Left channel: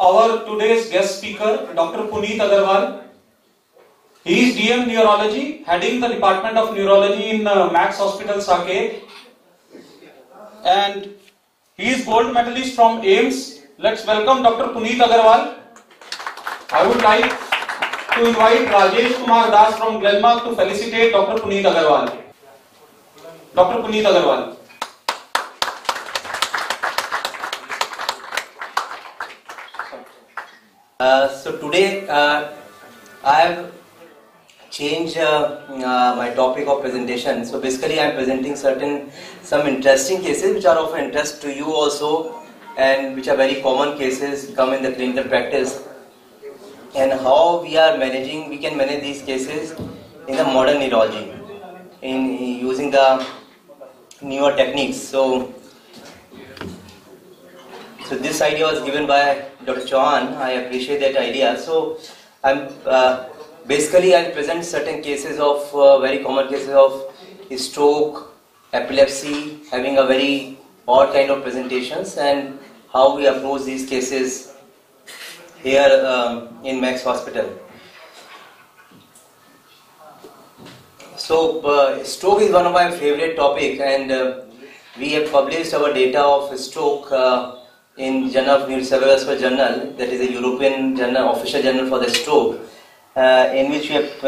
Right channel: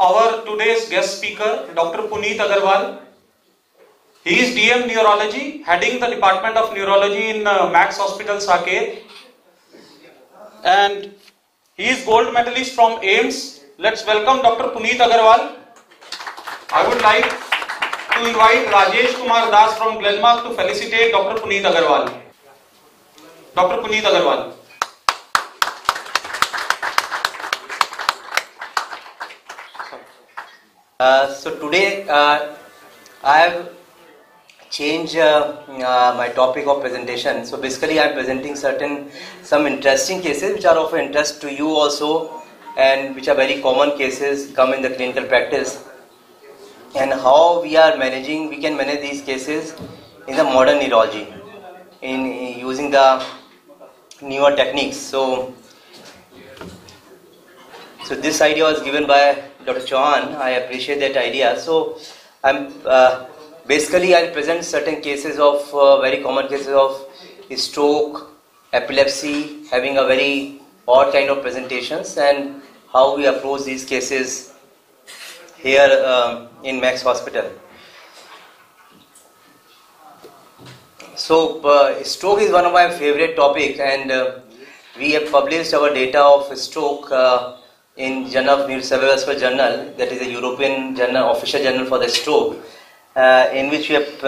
our today's guest speaker, Dr. Puneet Aggarwal. He is DM Neurology, heading the Department of Neurology in Max Hospital, Saket. And he is gold medalist from AIMS. Let's welcome Dr. Puneet Aggarwal. I would like to invite Rajesh Kumar Das from Glenmark to felicitate Dr. Puneet Aggarwal. Dr. Puneet Aggarwal. So today I have changed my topic of presentation. So basically I am presenting some interesting cases which are of interest to you also, and which are very common cases come in the clinical practice, and how we can manage these cases in the modern neurology in using the newer techniques. So this idea was given by Dr. Chauhan. I appreciate that idea. So I'll present certain cases of very common cases of stroke, epilepsy, having a very odd kind of presentations, and how we approach these cases here in Max Hospital. So stroke is one of my favorite topic, and we have published our data of stroke in Journal of Neurocerebrovascular Journal, that is a European journal, official journal for the stroke, in which we have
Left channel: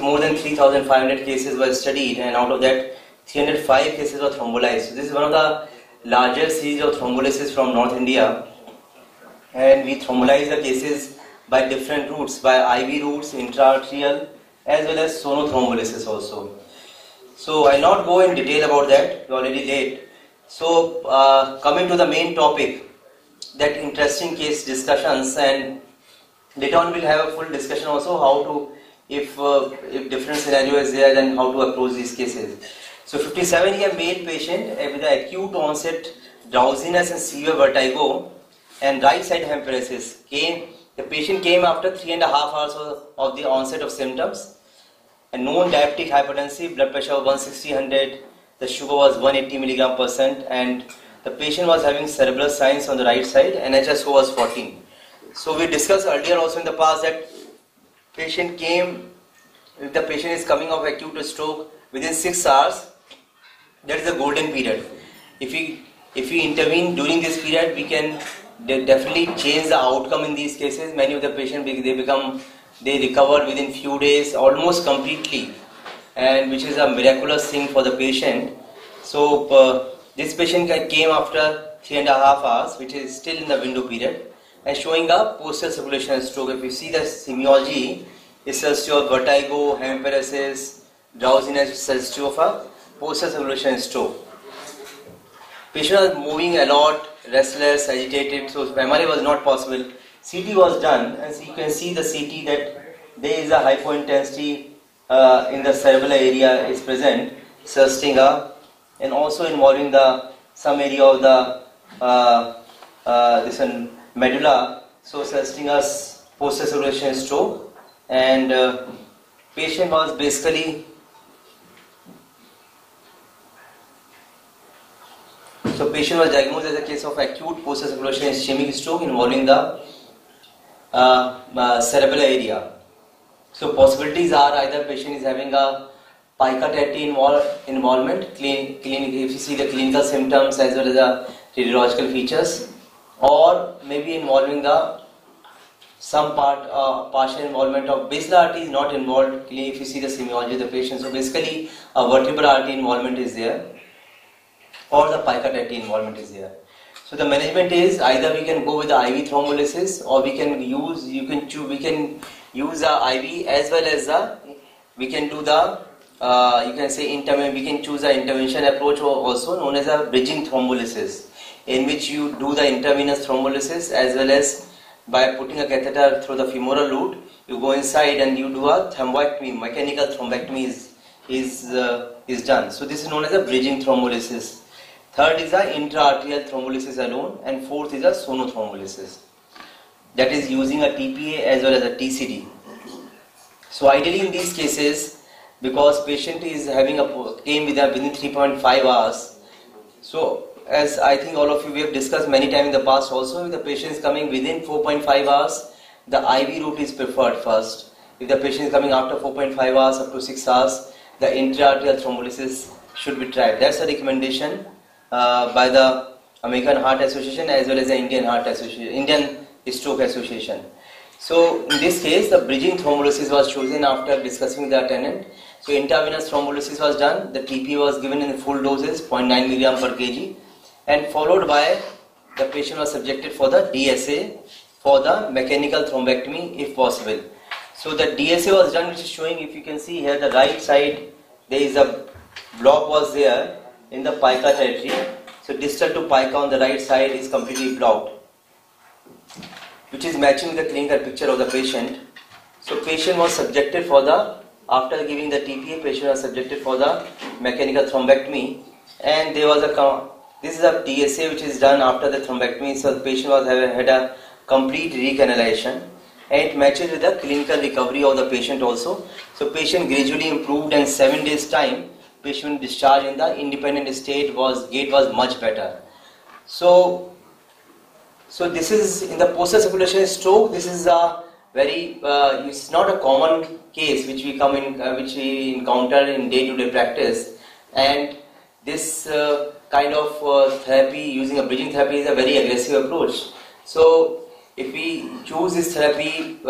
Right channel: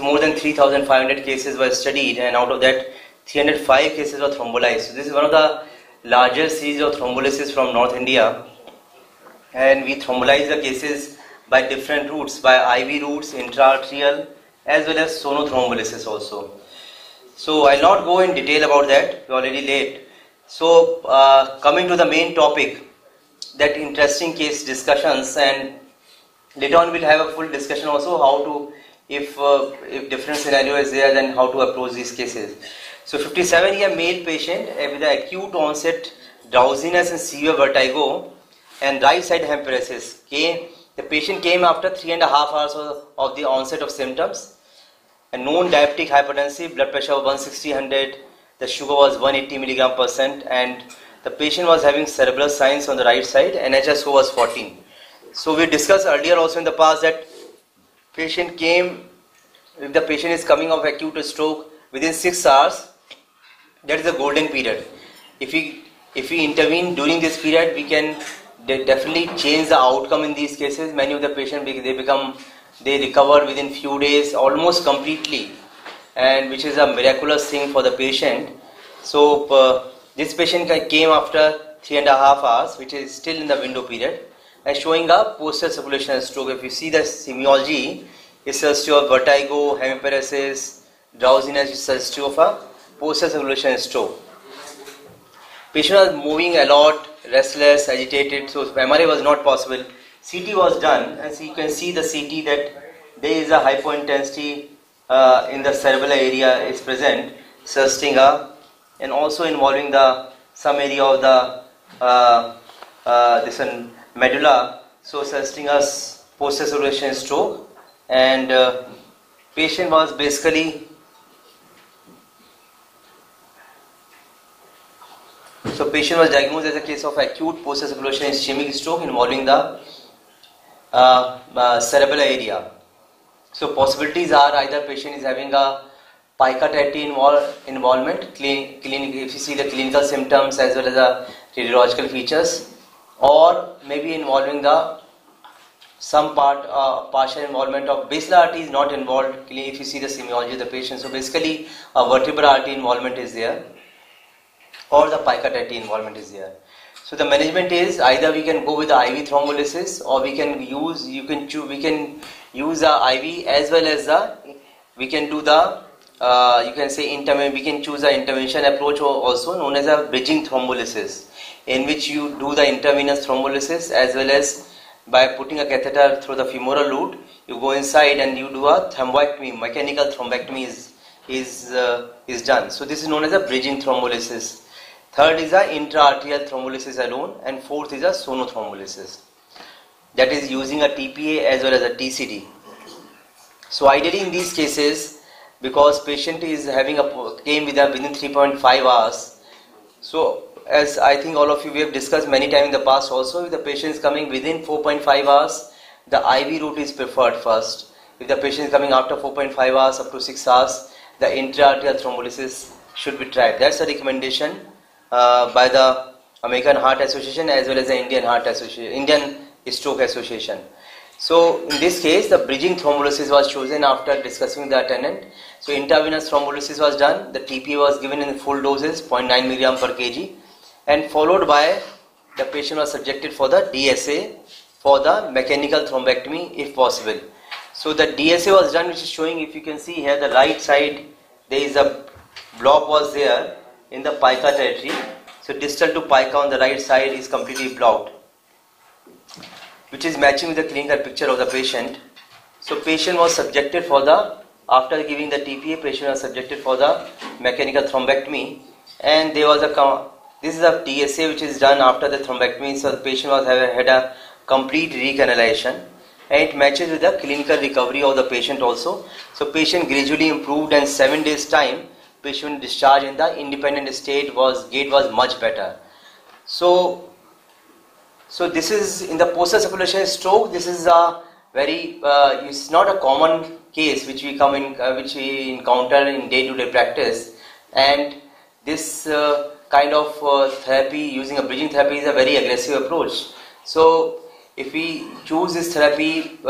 more than 3,500 cases were studied, and out of that 305 cases were thrombolized. So this is one of the largest series of thrombolysis from North India, and we thrombolize the cases by different routes, by IV routes, intra-arterial, as well as sonothrombolysis also. So I'll not go in detail about that, we're already late. So coming to the main topic, that interesting case discussions, and later on we'll have a full discussion also how to, if different scenario is there, then how to approach these cases. So 57-year male patient with acute onset drowsiness and severe vertigo and right side hemiparesis. The patient came after 3.5 hours of the onset of symptoms, and known diabetic hypertensive, blood pressure of 160/100, the sugar was 180 mg/%, and the patient was having cerebral signs on the right side, and NHSO was 14. So we discussed earlier also in the past that if the patient is coming off acute stroke within 6 hours, that is a golden period. If we intervene during this period, we can definitely change the outcome in these cases. Many of the patients, they recover within few days, almost completely, and which is a miraculous thing for the patient. So this patient came after 3.5 hours, which is still in the window period, and showing a posterior circulation stroke. If you see the semiology, it says to a vertigo, hemiparesis, drowsiness, it says to a posterior circulation stroke. Patient was moving a lot, restless, agitated, so MRI was not possible. CT was done, and so you can see the CT that there is a hypointensity in the cerebral area is present, suggesting and also involving some area of the medulla, so suggesting us posterior circulation stroke. And patient was basically, so patient was diagnosed as a case of acute posterior circulation ischemic stroke involving the cerebral area. So possibilities are either patient is having a pica-TAT involvement, if you see the clinical symptoms as well as the radiological features, or maybe involving some partial involvement of basilar artery is not involved if you see the semiology of the patient. So basically a vertebral artery involvement is there, or the pica-TAT involvement is there. So the management is either we can go with the IV thrombolysis, or we can use the IV as well as we can do the you can say we can choose the intervention approach, also known as a bridging thrombolysis, in which you do the intravenous thrombolysis as well as by putting a catheter through the femoral root, you go inside and you do a thrombectomy, mechanical thrombectomy is done. So this is known as a bridging thrombolysis. Third is a intra-arterial thrombolysis alone, and fourth is a sonothrombolysis, that is using a TPA as well as a TCD. So ideally in these cases, because patient is having came within 3.5 hours, so as I think all of you we have discussed many times in the past also, if the patient is coming within 4.5 hours, the IV route is preferred first. If the patient is coming after 4.5 hours up to 6 hours, the intra-arterial thrombolysis should be tried. That's a recommendation by the American Heart Association as well as the Indian Stroke Association. So in this case, the bridging thrombolysis was chosen after discussing with the attendant. So intravenous thrombolysis was done. The TP was given in full doses, 0.9 milligram per kg, and followed by the patient was subjected for the DSA for the mechanical thrombectomy if possible. So the DSA was done, which is showing, if you can see here, the right side, there is a block was there in the pica territory. So distal to pica on the right side is completely blocked, which is matching with the clinical picture of the patient. So patient was subjected for the, after giving the TPA, patient was subjected for the mechanical thrombectomy, and there was this is a DSA which is done after the thrombectomy. So the patient was had a complete recanalization, and it matches with the clinical recovery of the patient also. So patient gradually improved, and 7 days time patient discharged in the independent state, gait was much better. So this is in the post-circulation stroke. This is a very it's not a common case which we encounter in day-to-day practice, and this kind of therapy using a bridging therapy is a very aggressive approach. So if we choose this therapy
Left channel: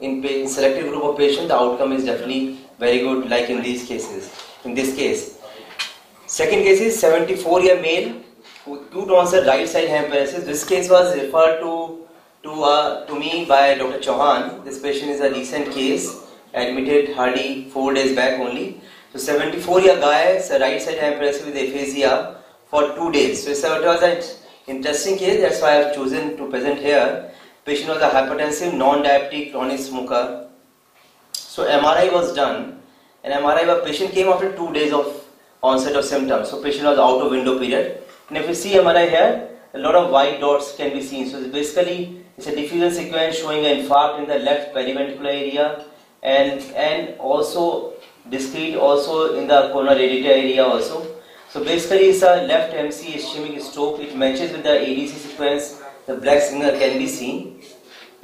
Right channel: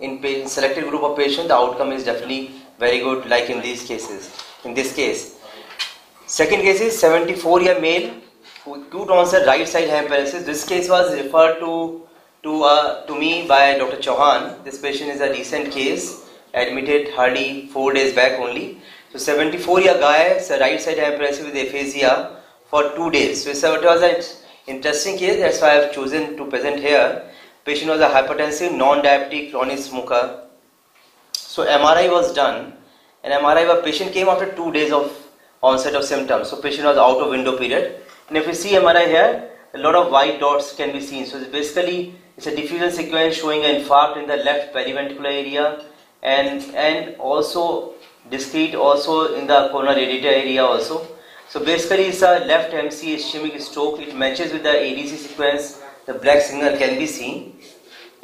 in selected group of patients, the outcome is definitely very good, like in these cases. In this case, second case is 74-year male who acute onset right side hemiparesis. This case was referred to me by Dr. Chauhan. This patient is a recent case, admitted hardly 4 days back only. So 74-year guy, so right side hemiparesis with aphasia for 2 days. So it was an interesting case. That's why I have chosen to present here. Patient was a hypertensive, non-diabetic, chronic smoker. So MRI was done. And MRI, patient came after 2 days of onset of symptoms. So patient was out of window period. And if you see MRI here, a lot of white dots can be seen. So it's a diffusion sequence showing an infarct in the left periventricular area, and also discrete also in the coronary radiator area also. So basically it's a left MC ischemic stroke. It matches with the ADC sequence. The black signal can be seen,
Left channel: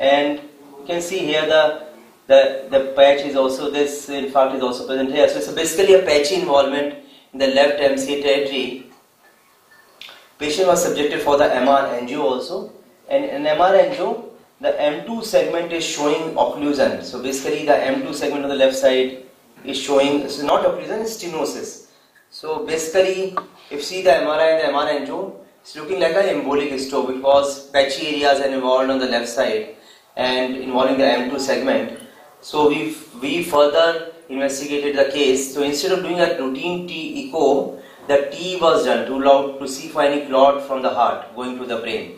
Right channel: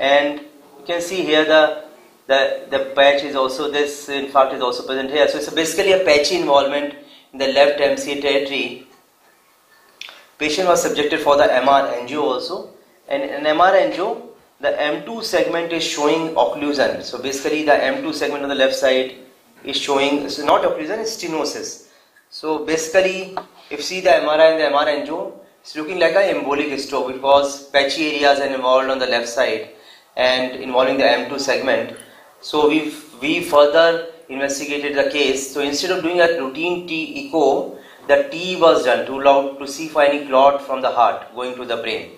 and you can see here the patch is also, this infarct is also present here. So it's basically a patchy involvement in the left MC territory. Patient was subjected for the MR angio also, and in MR angio, the M2 segment is showing occlusion. So basically the M2 segment on the left side is showing, so not occlusion, it's stenosis. So basically, if you see the MRI and the MR angio, it's looking like an embolic stroke because patchy areas are involved on the left side and involving the M2 segment. So we further investigated the case. So instead of doing a routine T echo, the T was done to see for any clot from the heart going to the brain.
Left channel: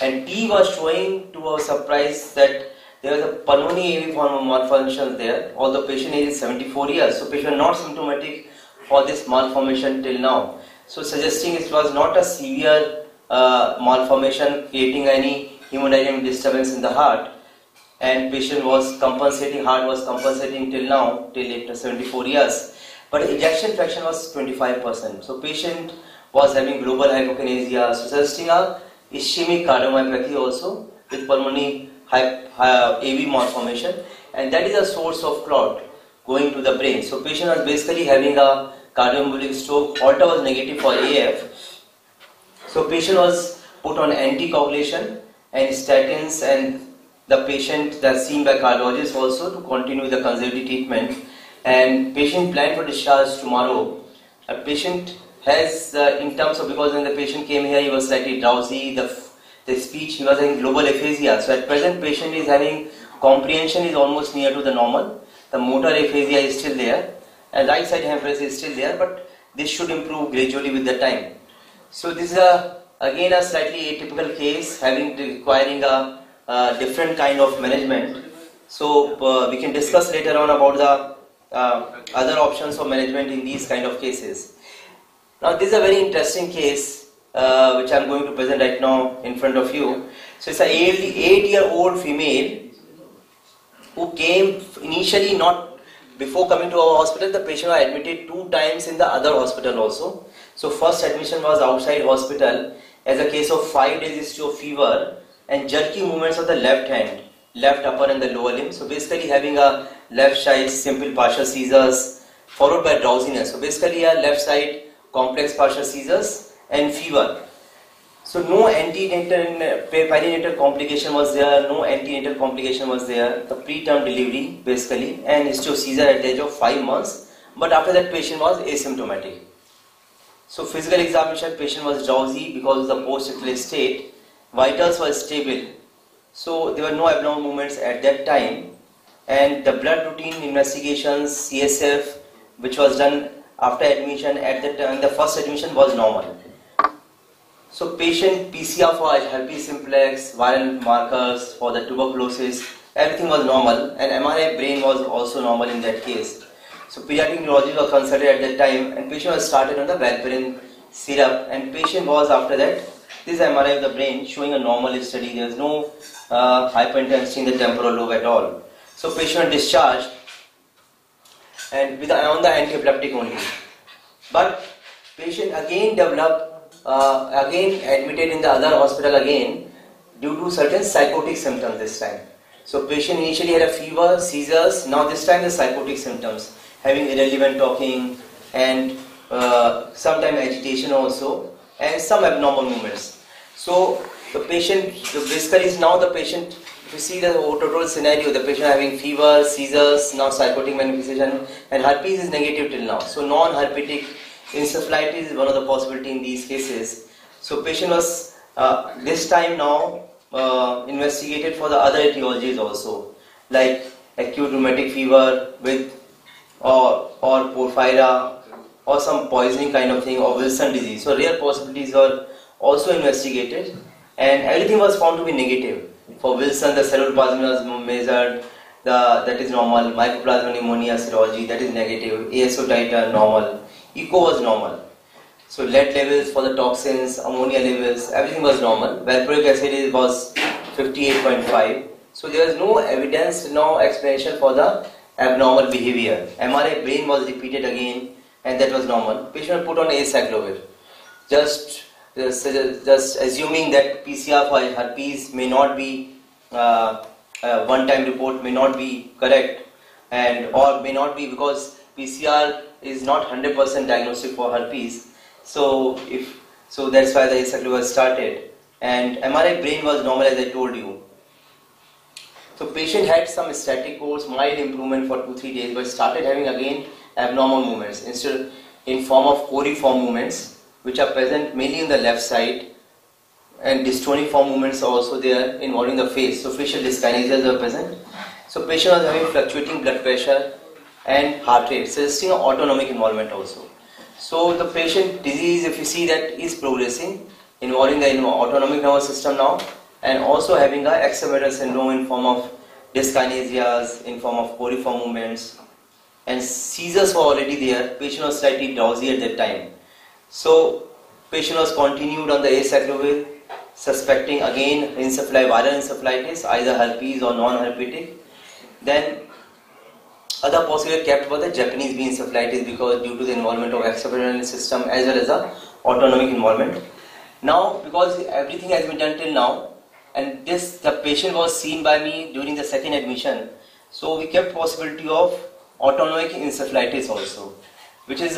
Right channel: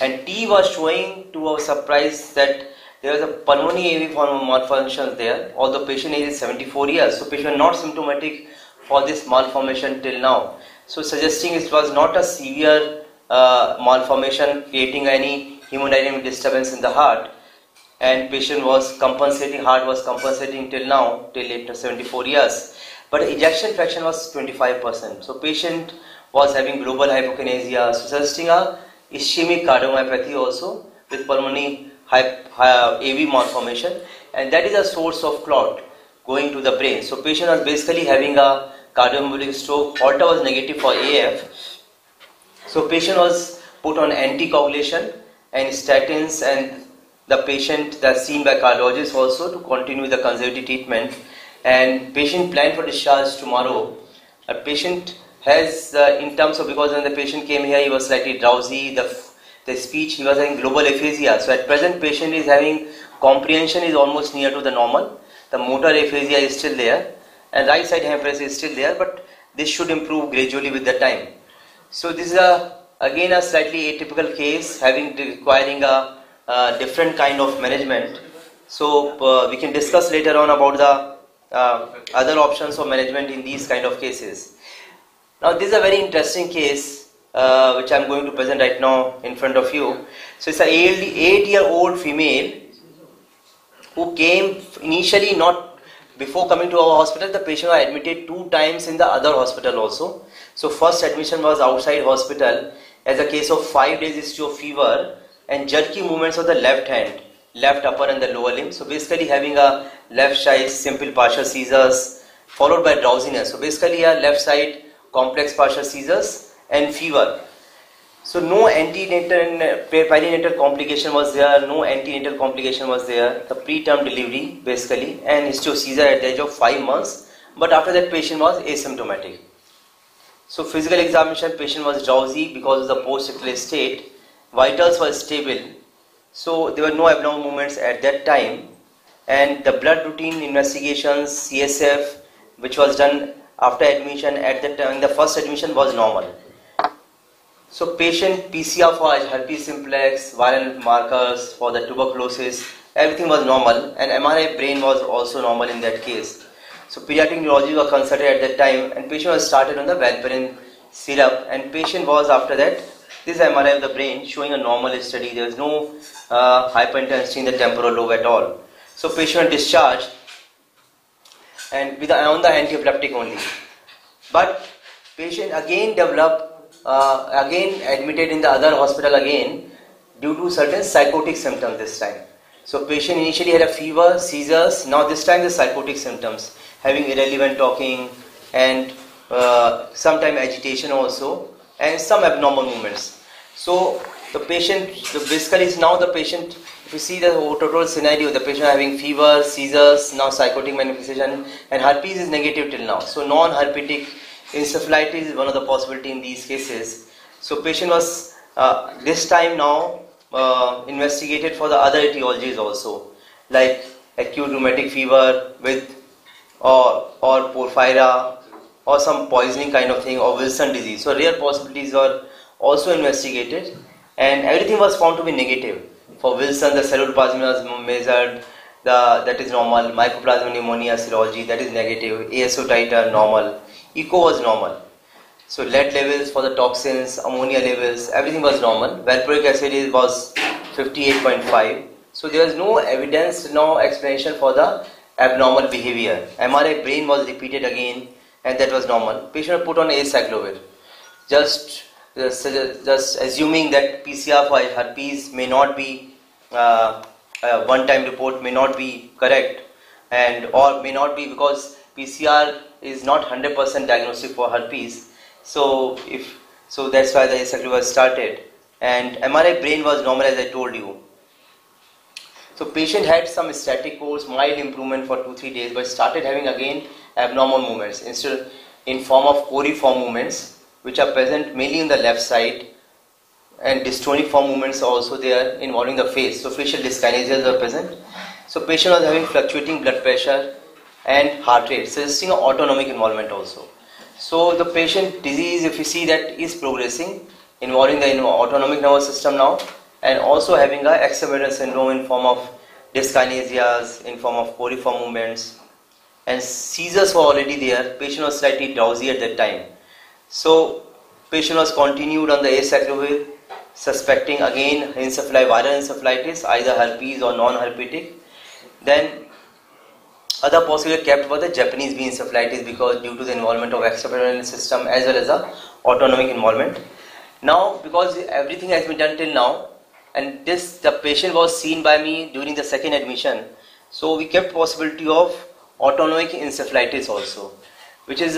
And T was showing, to our surprise, that there was a pulmonary AV form of malformation there, although patient age is 74 years. So patient not symptomatic for this malformation till now. So suggesting it was not a severe malformation creating any hemodynamic disturbance in the heart, and patient was compensating, heart was compensating till now, till later 74 years. But ejection fraction was 25%. So patient was having global hypokinesia, suggesting a ischemic cardiomyopathy also with pulmonary AV malformation, and that is a source of clot going to the brain. So patient was basically having a cardioembolic stroke. Holter was negative for AF. So patient was put on anticoagulation and statins, and the patient that's seen by cardiologist also to continue the conservative treatment. And patient planned for discharge tomorrow. A patient has, in terms of, because when the patient came here, he was slightly drowsy, the speech, he was having global aphasia. So at present, patient is having, comprehension is almost near to the normal. The motor aphasia is still there, and right side hemiparesis is still there, but this should improve gradually with the time. So this is again a slightly atypical case, requiring a different kind of management. So we can discuss later on about the other options for management in these kind of cases. Now this is a very interesting case which I am going to present right now in front of you. So it's a 8-year-old female who came initially not before coming to our hospital, the patient was admitted 2 times in the other hospital also. So first admission was outside hospital as a case of 5 days history of fever and jerky movements of the left hand, left upper and the lower limb. So basically having a left side simple partial seizures followed by drowsiness. So basically a left side complex partial seizures and fever. So no antenatal perinatal complication was there, no antenatal complication was there, the preterm delivery basically, and history of seizure at the age of 5 months, but after that patient was asymptomatic. So physical examination, patient was drowsy because of the post-ictal state, vitals were stable, so there were no abnormal movements at that time, and the blood routine investigations, CSF, which was done after admission at the time, the first admission was normal. So patient PCR for herpes simplex, viral markers for the tuberculosis, everything was normal, and MRI brain was also normal in that case. So pediatric neurology was consulted at that time, and patient was started on the valparin syrup, and patient was after that, this is MRI of the brain showing a normal study. There was no hyperintensity in the temporal lobe at all. So patient discharged and with on the antiepileptic only. But patient again developed, again admitted in the other hospital again due to certain psychotic symptoms this time. So patient initially had a fever, seizures, now this time the psychotic symptoms, having irrelevant talking and sometimes agitation also, and some abnormal movements. So the patient, basically is now the patient, if you see the total scenario, the patient having fever, seizures, now psychotic manifestation, and herpes is negative till now. So non-herpetic encephalitis is one of the possibility in these cases. So patient was this time now investigated for the other etiologies also, like acute rheumatic fever with or porphyria or some poisoning kind of thing, or Wilson disease. So rare possibilities were also investigated, and everything was found to be negative. For Wilson, the cellular plasmin was measured, that is normal. Mycoplasma pneumonia serology, that is negative. ASO titer normal. Echo was normal. So lead levels for the toxins, ammonia levels, everything was normal. Valproic acid was 58.5. So there was no evidence, no explanation for the abnormal behavior. MRI brain was repeated again, and that was normal. Patient put on acyclovir. Just assuming that PCR for herpes may not be one-time report may not be correct, and or may not be because PCR is not 100% diagnostic for herpes. So that's why the acyclovir was started, and MRI brain was normal as I told you. So patient had some static course, mild improvement for 2-3 days, but started having again abnormal movements instead in form of coriform movements, which are present mainly in the left side, and dystonic form movements are also there involving the face. So facial dyskinesias are present. So patient was having fluctuating blood pressure and heart rate, suggesting an autonomic involvement also. So the patient disease, if you see that, is progressing, involving the autonomic nervous system now, and also having a exacerbated syndrome in form of dyskinesias, in form of coriform movements, and seizures were already there. Patient was slightly drowsy at that time. So patient was continued on the acyclovir, suspecting again viral encephalitis, either herpes or non-herpetic. Then other possibility kept was the Japanese B encephalitis, because due to the involvement of extraperitoneal system as well as the autonomic involvement. Now, because everything has been done till now, and the patient was seen by me during the second admission, so we kept possibility of autonomic encephalitis also, which is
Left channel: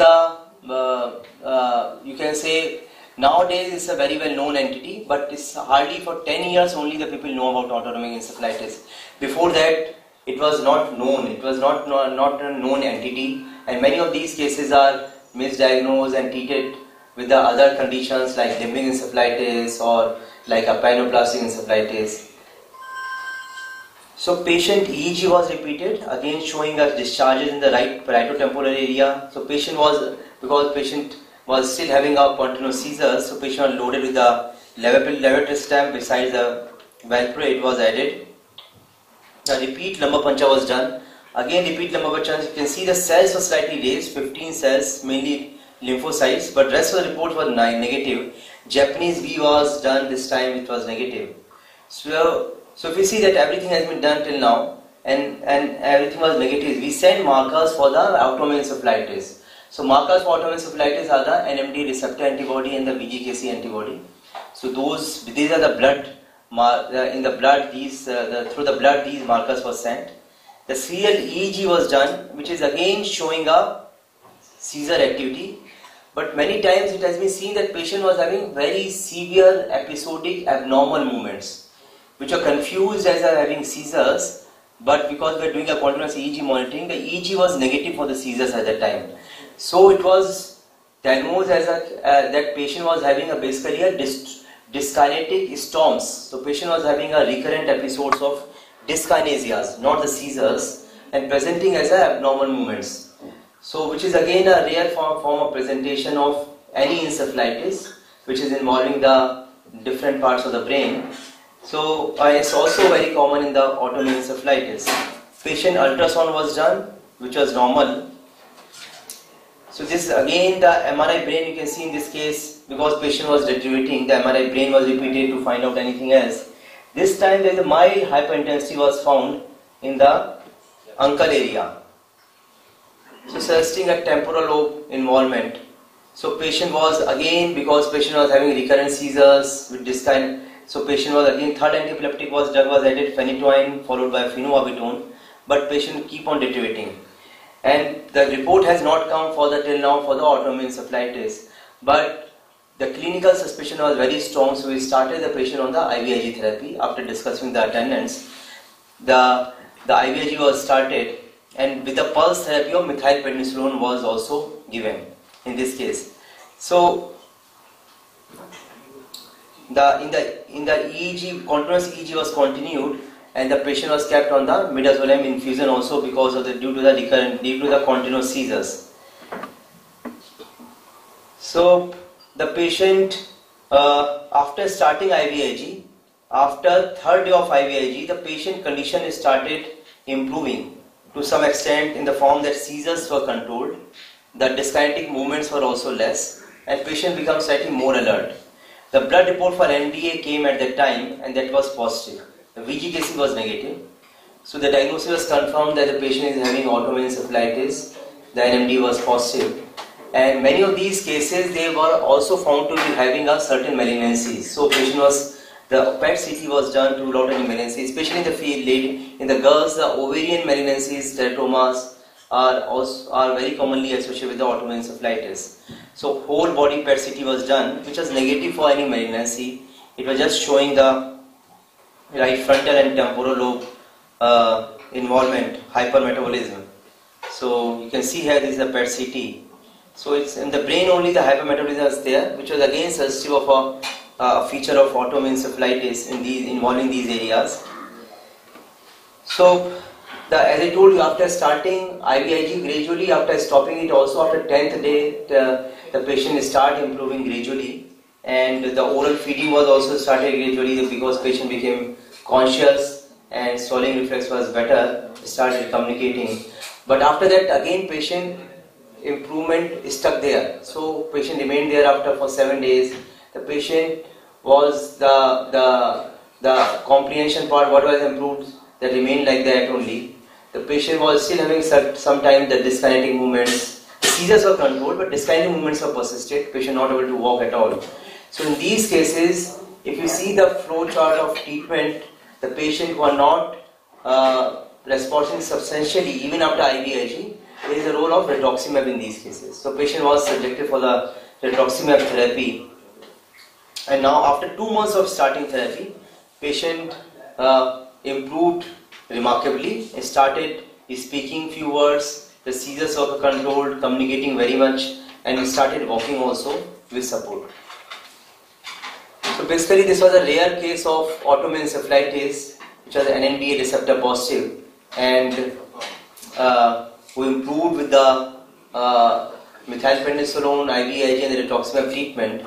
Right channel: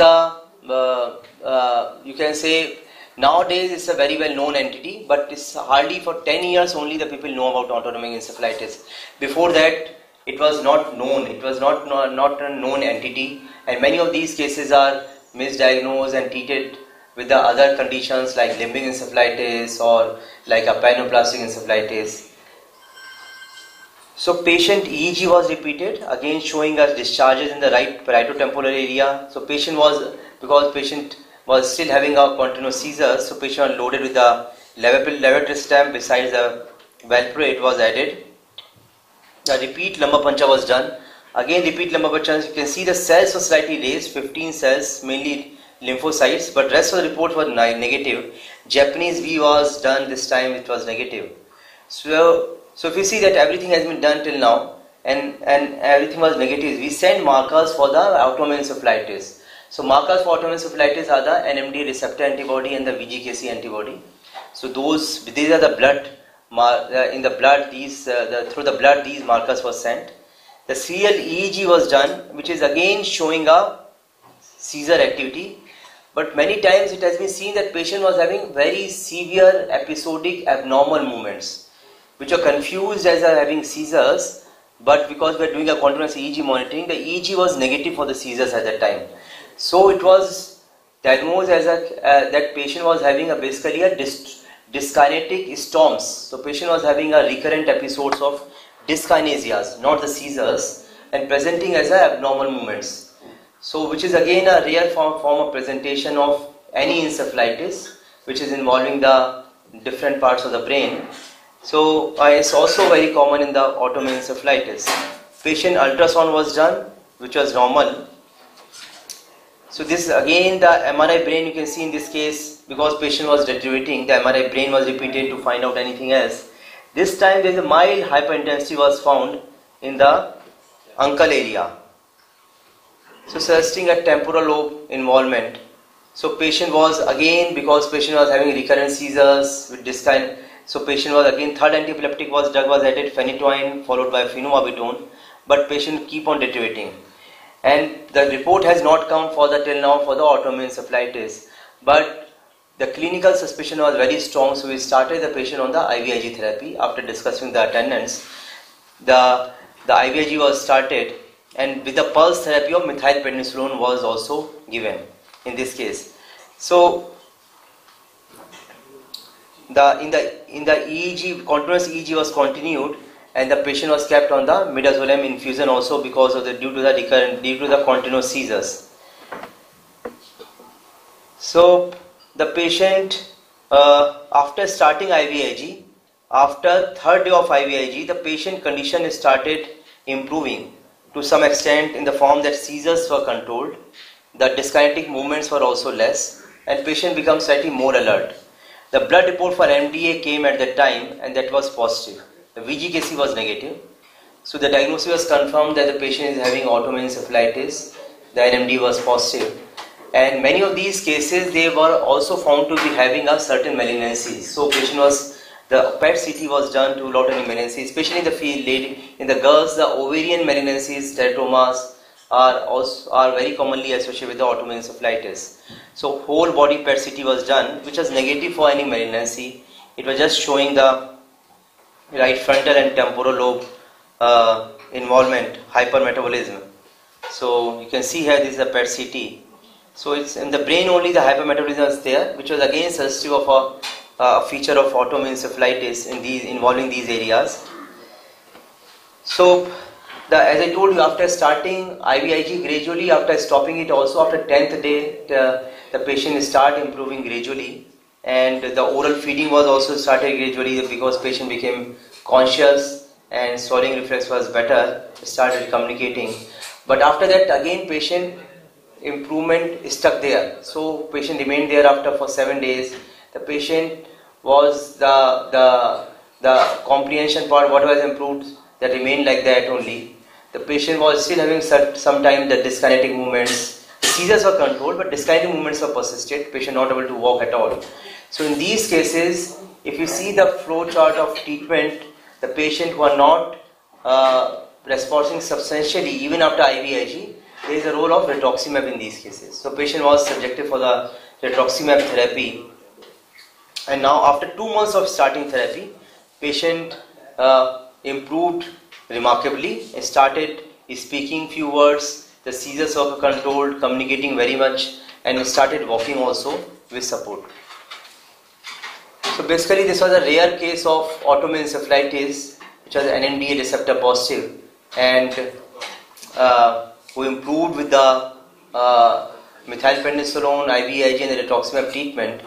you can say nowadays it's a very well known entity, but it's hardly for 10 years only the people know about autonomic encephalitis. Before that it was not known, it was not a known entity, and many of these cases are misdiagnosed and treated with the other conditions like limbic encephalitis or like a pyrnoplastic encephalitis. So patient EEG was repeated, again showing us discharges in the right parieto-temporal area. So patient was, because patient was still having a continuous seizures, so patient was loaded with the levetiracetam besides the valproate was added. The repeat lumbar puncture was done. Again repeat lumbar puncture, you can see the cells were slightly raised, 15 cells, mainly lymphocytes, but rest of the report was negative. Japanese V was done this time, it was negative. So if you see that everything has been done till now, and everything was negative. We sent markers for the autoimmune encephalitis. So markers for autoimmune encephalitis are the NMD receptor antibody and the VGKC antibody. So these are the blood, in the blood, through the blood these markers were sent. The serial EEG was done, which is again showing a seizure activity. But many times it has been seen that patient was having very severe episodic abnormal movements, which are confused as having seizures, but because we are doing a continuous EEG monitoring, the EEG was negative for the seizures at that time. So it was diagnosed as that patient was having basically a dyskinetic storms. So patient was having a recurrent episodes of dyskinesias, not the seizures, and presenting as abnormal movements. So which is again a rare form of presentation of any encephalitis, which is involving the different parts of the brain. So it's also very common in the autoimmune encephalitis. Patient ultrasound was done, which was normal. So this again the MRI brain, you can see in this case, because patient was deteriorating, the MRI brain was repeated to find out anything else. This time there is a mild hyperintensity was found in the uncal area. So suggesting a temporal lobe involvement. So patient was again, because patient was having recurrent seizures with this kind. So patient was again, third antiepileptic drug was added, phenytoin followed by phenobarbital, but patient keep on deteriorating. And the report has not come till now for the autoimmune encephalitis. But the clinical suspicion was very strong, so we started the patient on the IVIG therapy. After discussing the attendance, the IVIG was started, and with the pulse therapy of methylprednisolone was also given in this case. So in the EEG, continuous EEG was continued, and the patient was kept on the midazolam infusion also because of due to the continuous seizures. So the patient, after starting IVIG, after third day of IVIG, the patient condition started improving to some extent in the form that seizures were controlled, the dyskinetic movements were also less, and patient became slightly more alert. The blood report for MDA came at that time, and that was positive. The VGKC was negative. So the diagnosis was confirmed that the patient is having autoimmune encephalitis. The NMD was positive. And many of these cases, they were also found to be having a certain malignancies. So the PET CT was done to rule out any malignancies, especially in the field, in the girls, the ovarian malignancies, teratomas are very commonly associated with the autoimmune encephalitis. So whole body PET CT was done, which was negative for any malignancy. It was just showing the right frontal and temporal lobe involvement, hypermetabolism. So you can see here this is a PET CT. So it's in the brain only the hypermetabolism is there, which was again suggestive of a feature of autoimmune encephalitis involving these areas. So as I told you, after starting IVIG gradually, after stopping it also after 10th day, the patient start improving gradually, and the oral feeding was also started gradually because patient became conscious and swallowing reflex was better, started communicating. But after that again patient improvement stuck there. So patient remained there for 7 days. The patient was the comprehension part, what was improved, that remained like that only. The patient was still having sometimes the dyskinetic movements. The seizures were controlled, but dyskinetic movements were persisted. Patient not able to walk at all. So in these cases, if you see the flow chart of treatment, the patient who are not responding substantially even after IVIG, there is a role of rituximab in these cases. So patient was subjected for the rituximab therapy, and now after 2 months of starting therapy, patient improved remarkably, started speaking few words, the seizures were controlled, communicating very much, and started walking also with support. So basically this was a rare case of autoimmune encephalitis, which was NMDA receptor positive, and who improved with the methylprednisolone, IVIG and the rituximab treatment,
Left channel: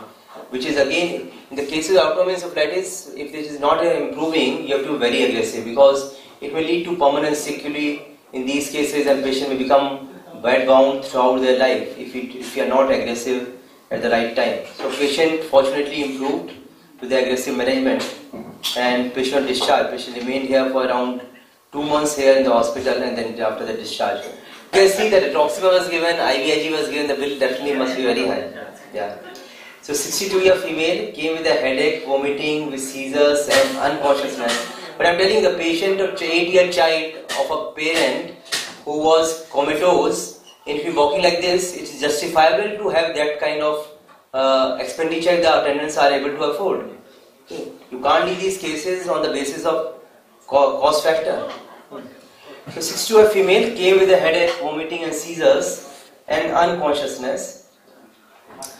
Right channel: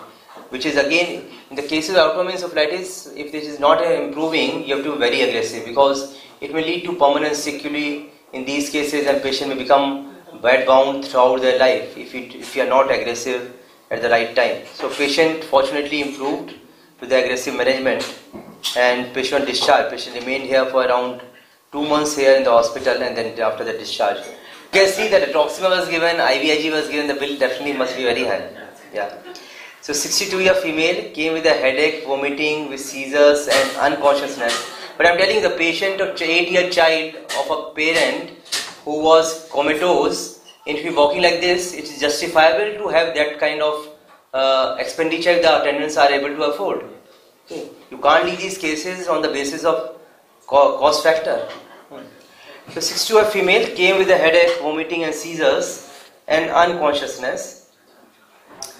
which is again, in the cases of autoimmune encephalitis, if this is not improving, you have to be very aggressive because it may lead to permanent sequelae in these cases, and patient may become bedbound throughout their life if you are not aggressive at the right time. So patient fortunately improved with the aggressive management, and patient discharged. Patient remained here for around 2 months here in the hospital, and then after the discharge. You can see that rituximab was given, IVIG was given, the bill definitely must be very high. Yeah. So 62-year female came with a headache, vomiting, with seizures and unconsciousness. But I'm telling the patient, an 8-year child of a parent who was comatose, if you're walking like this, it is justifiable to have that kind of expenditure the attendants are able to afford. Okay. You can't leave these cases on the basis of cost factor. So 62-year female came with a headache, vomiting and seizures and unconsciousness.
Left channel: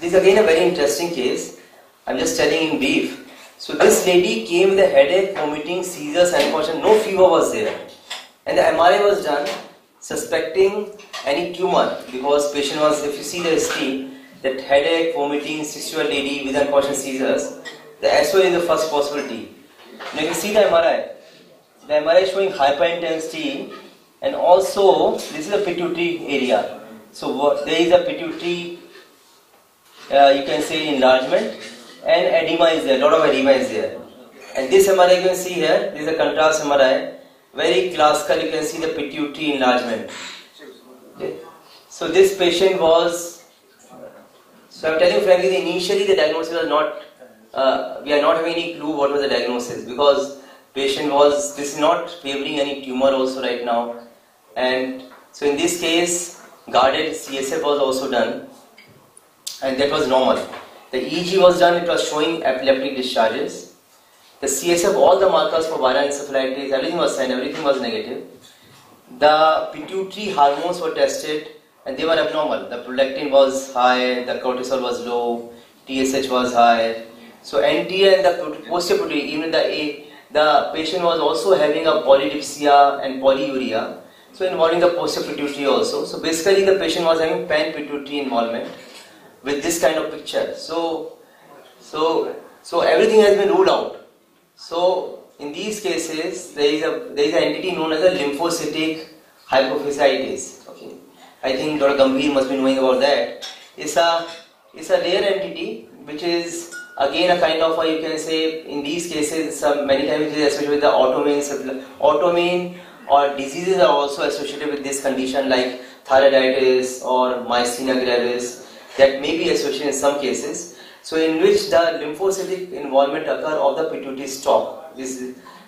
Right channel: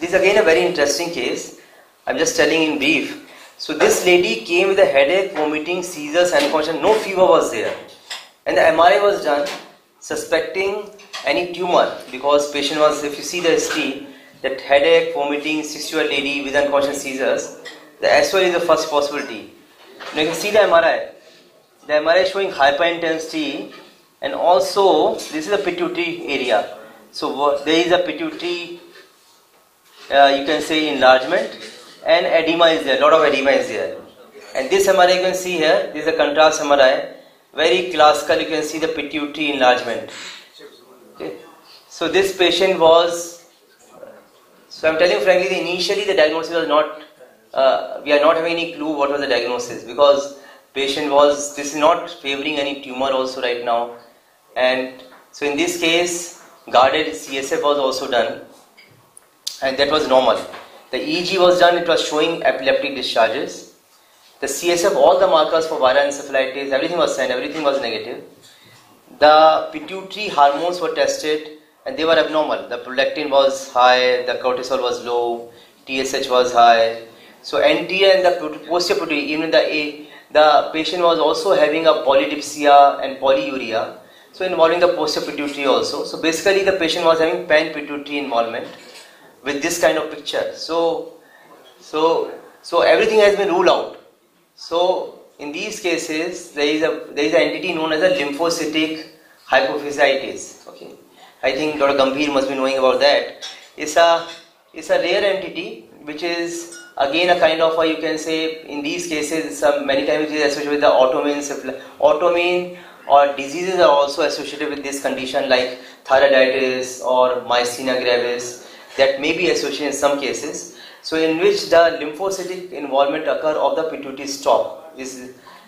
This is again a very interesting case. I'm just telling in brief. So this lady came with a headache, vomiting, seizures, unconsciousness. No fever was there. And the MRI was done suspecting any tumor, because patient was, if you see the history, that headache, vomiting, 60-year lady with unconscious seizures, the SO is the first possibility. Now you can see the MRI. The MRI is showing hyperintensity, and also this is a pituitary area. So there is a pituitary, you can say enlargement, and edema is there, lot of edema is there. And this MRI you can see here, this is a contrast MRI, very classical, you can see the pituitary enlargement. Okay. So this patient was, so I'm telling you frankly, initially the diagnosis was not, we are not having any clue what was the diagnosis, because patient was, this is not favoring any tumor also right now. And so in this case, guarded CSF was also done, and that was normal. The EEG was done, it was showing epileptic discharges. The CSF, all the markers for viral encephalitis, everything was sent, everything was negative. The pituitary hormones were tested and they were abnormal. The prolactin was high, the cortisol was low, TSH was high. So anterior and the posterior pituitary, even the patient was also having a polydipsia and polyuria, so involving the posterior pituitary also. So basically the patient was having pan-pituitary involvement with this kind of picture. So everything has been ruled out. So in these cases, there is an entity known as a lymphocytic hypophysitis. Okay, I think Dr. Gambhir must be knowing about that. It's a rare entity which is again a kind of you can say in these cases many times it is associated with the autoimmune or diseases are also associated with this condition like thyroiditis or myasthenia gravis, that may be associated in some cases. So in which the lymphocytic involvement occur of the pituitary stalk.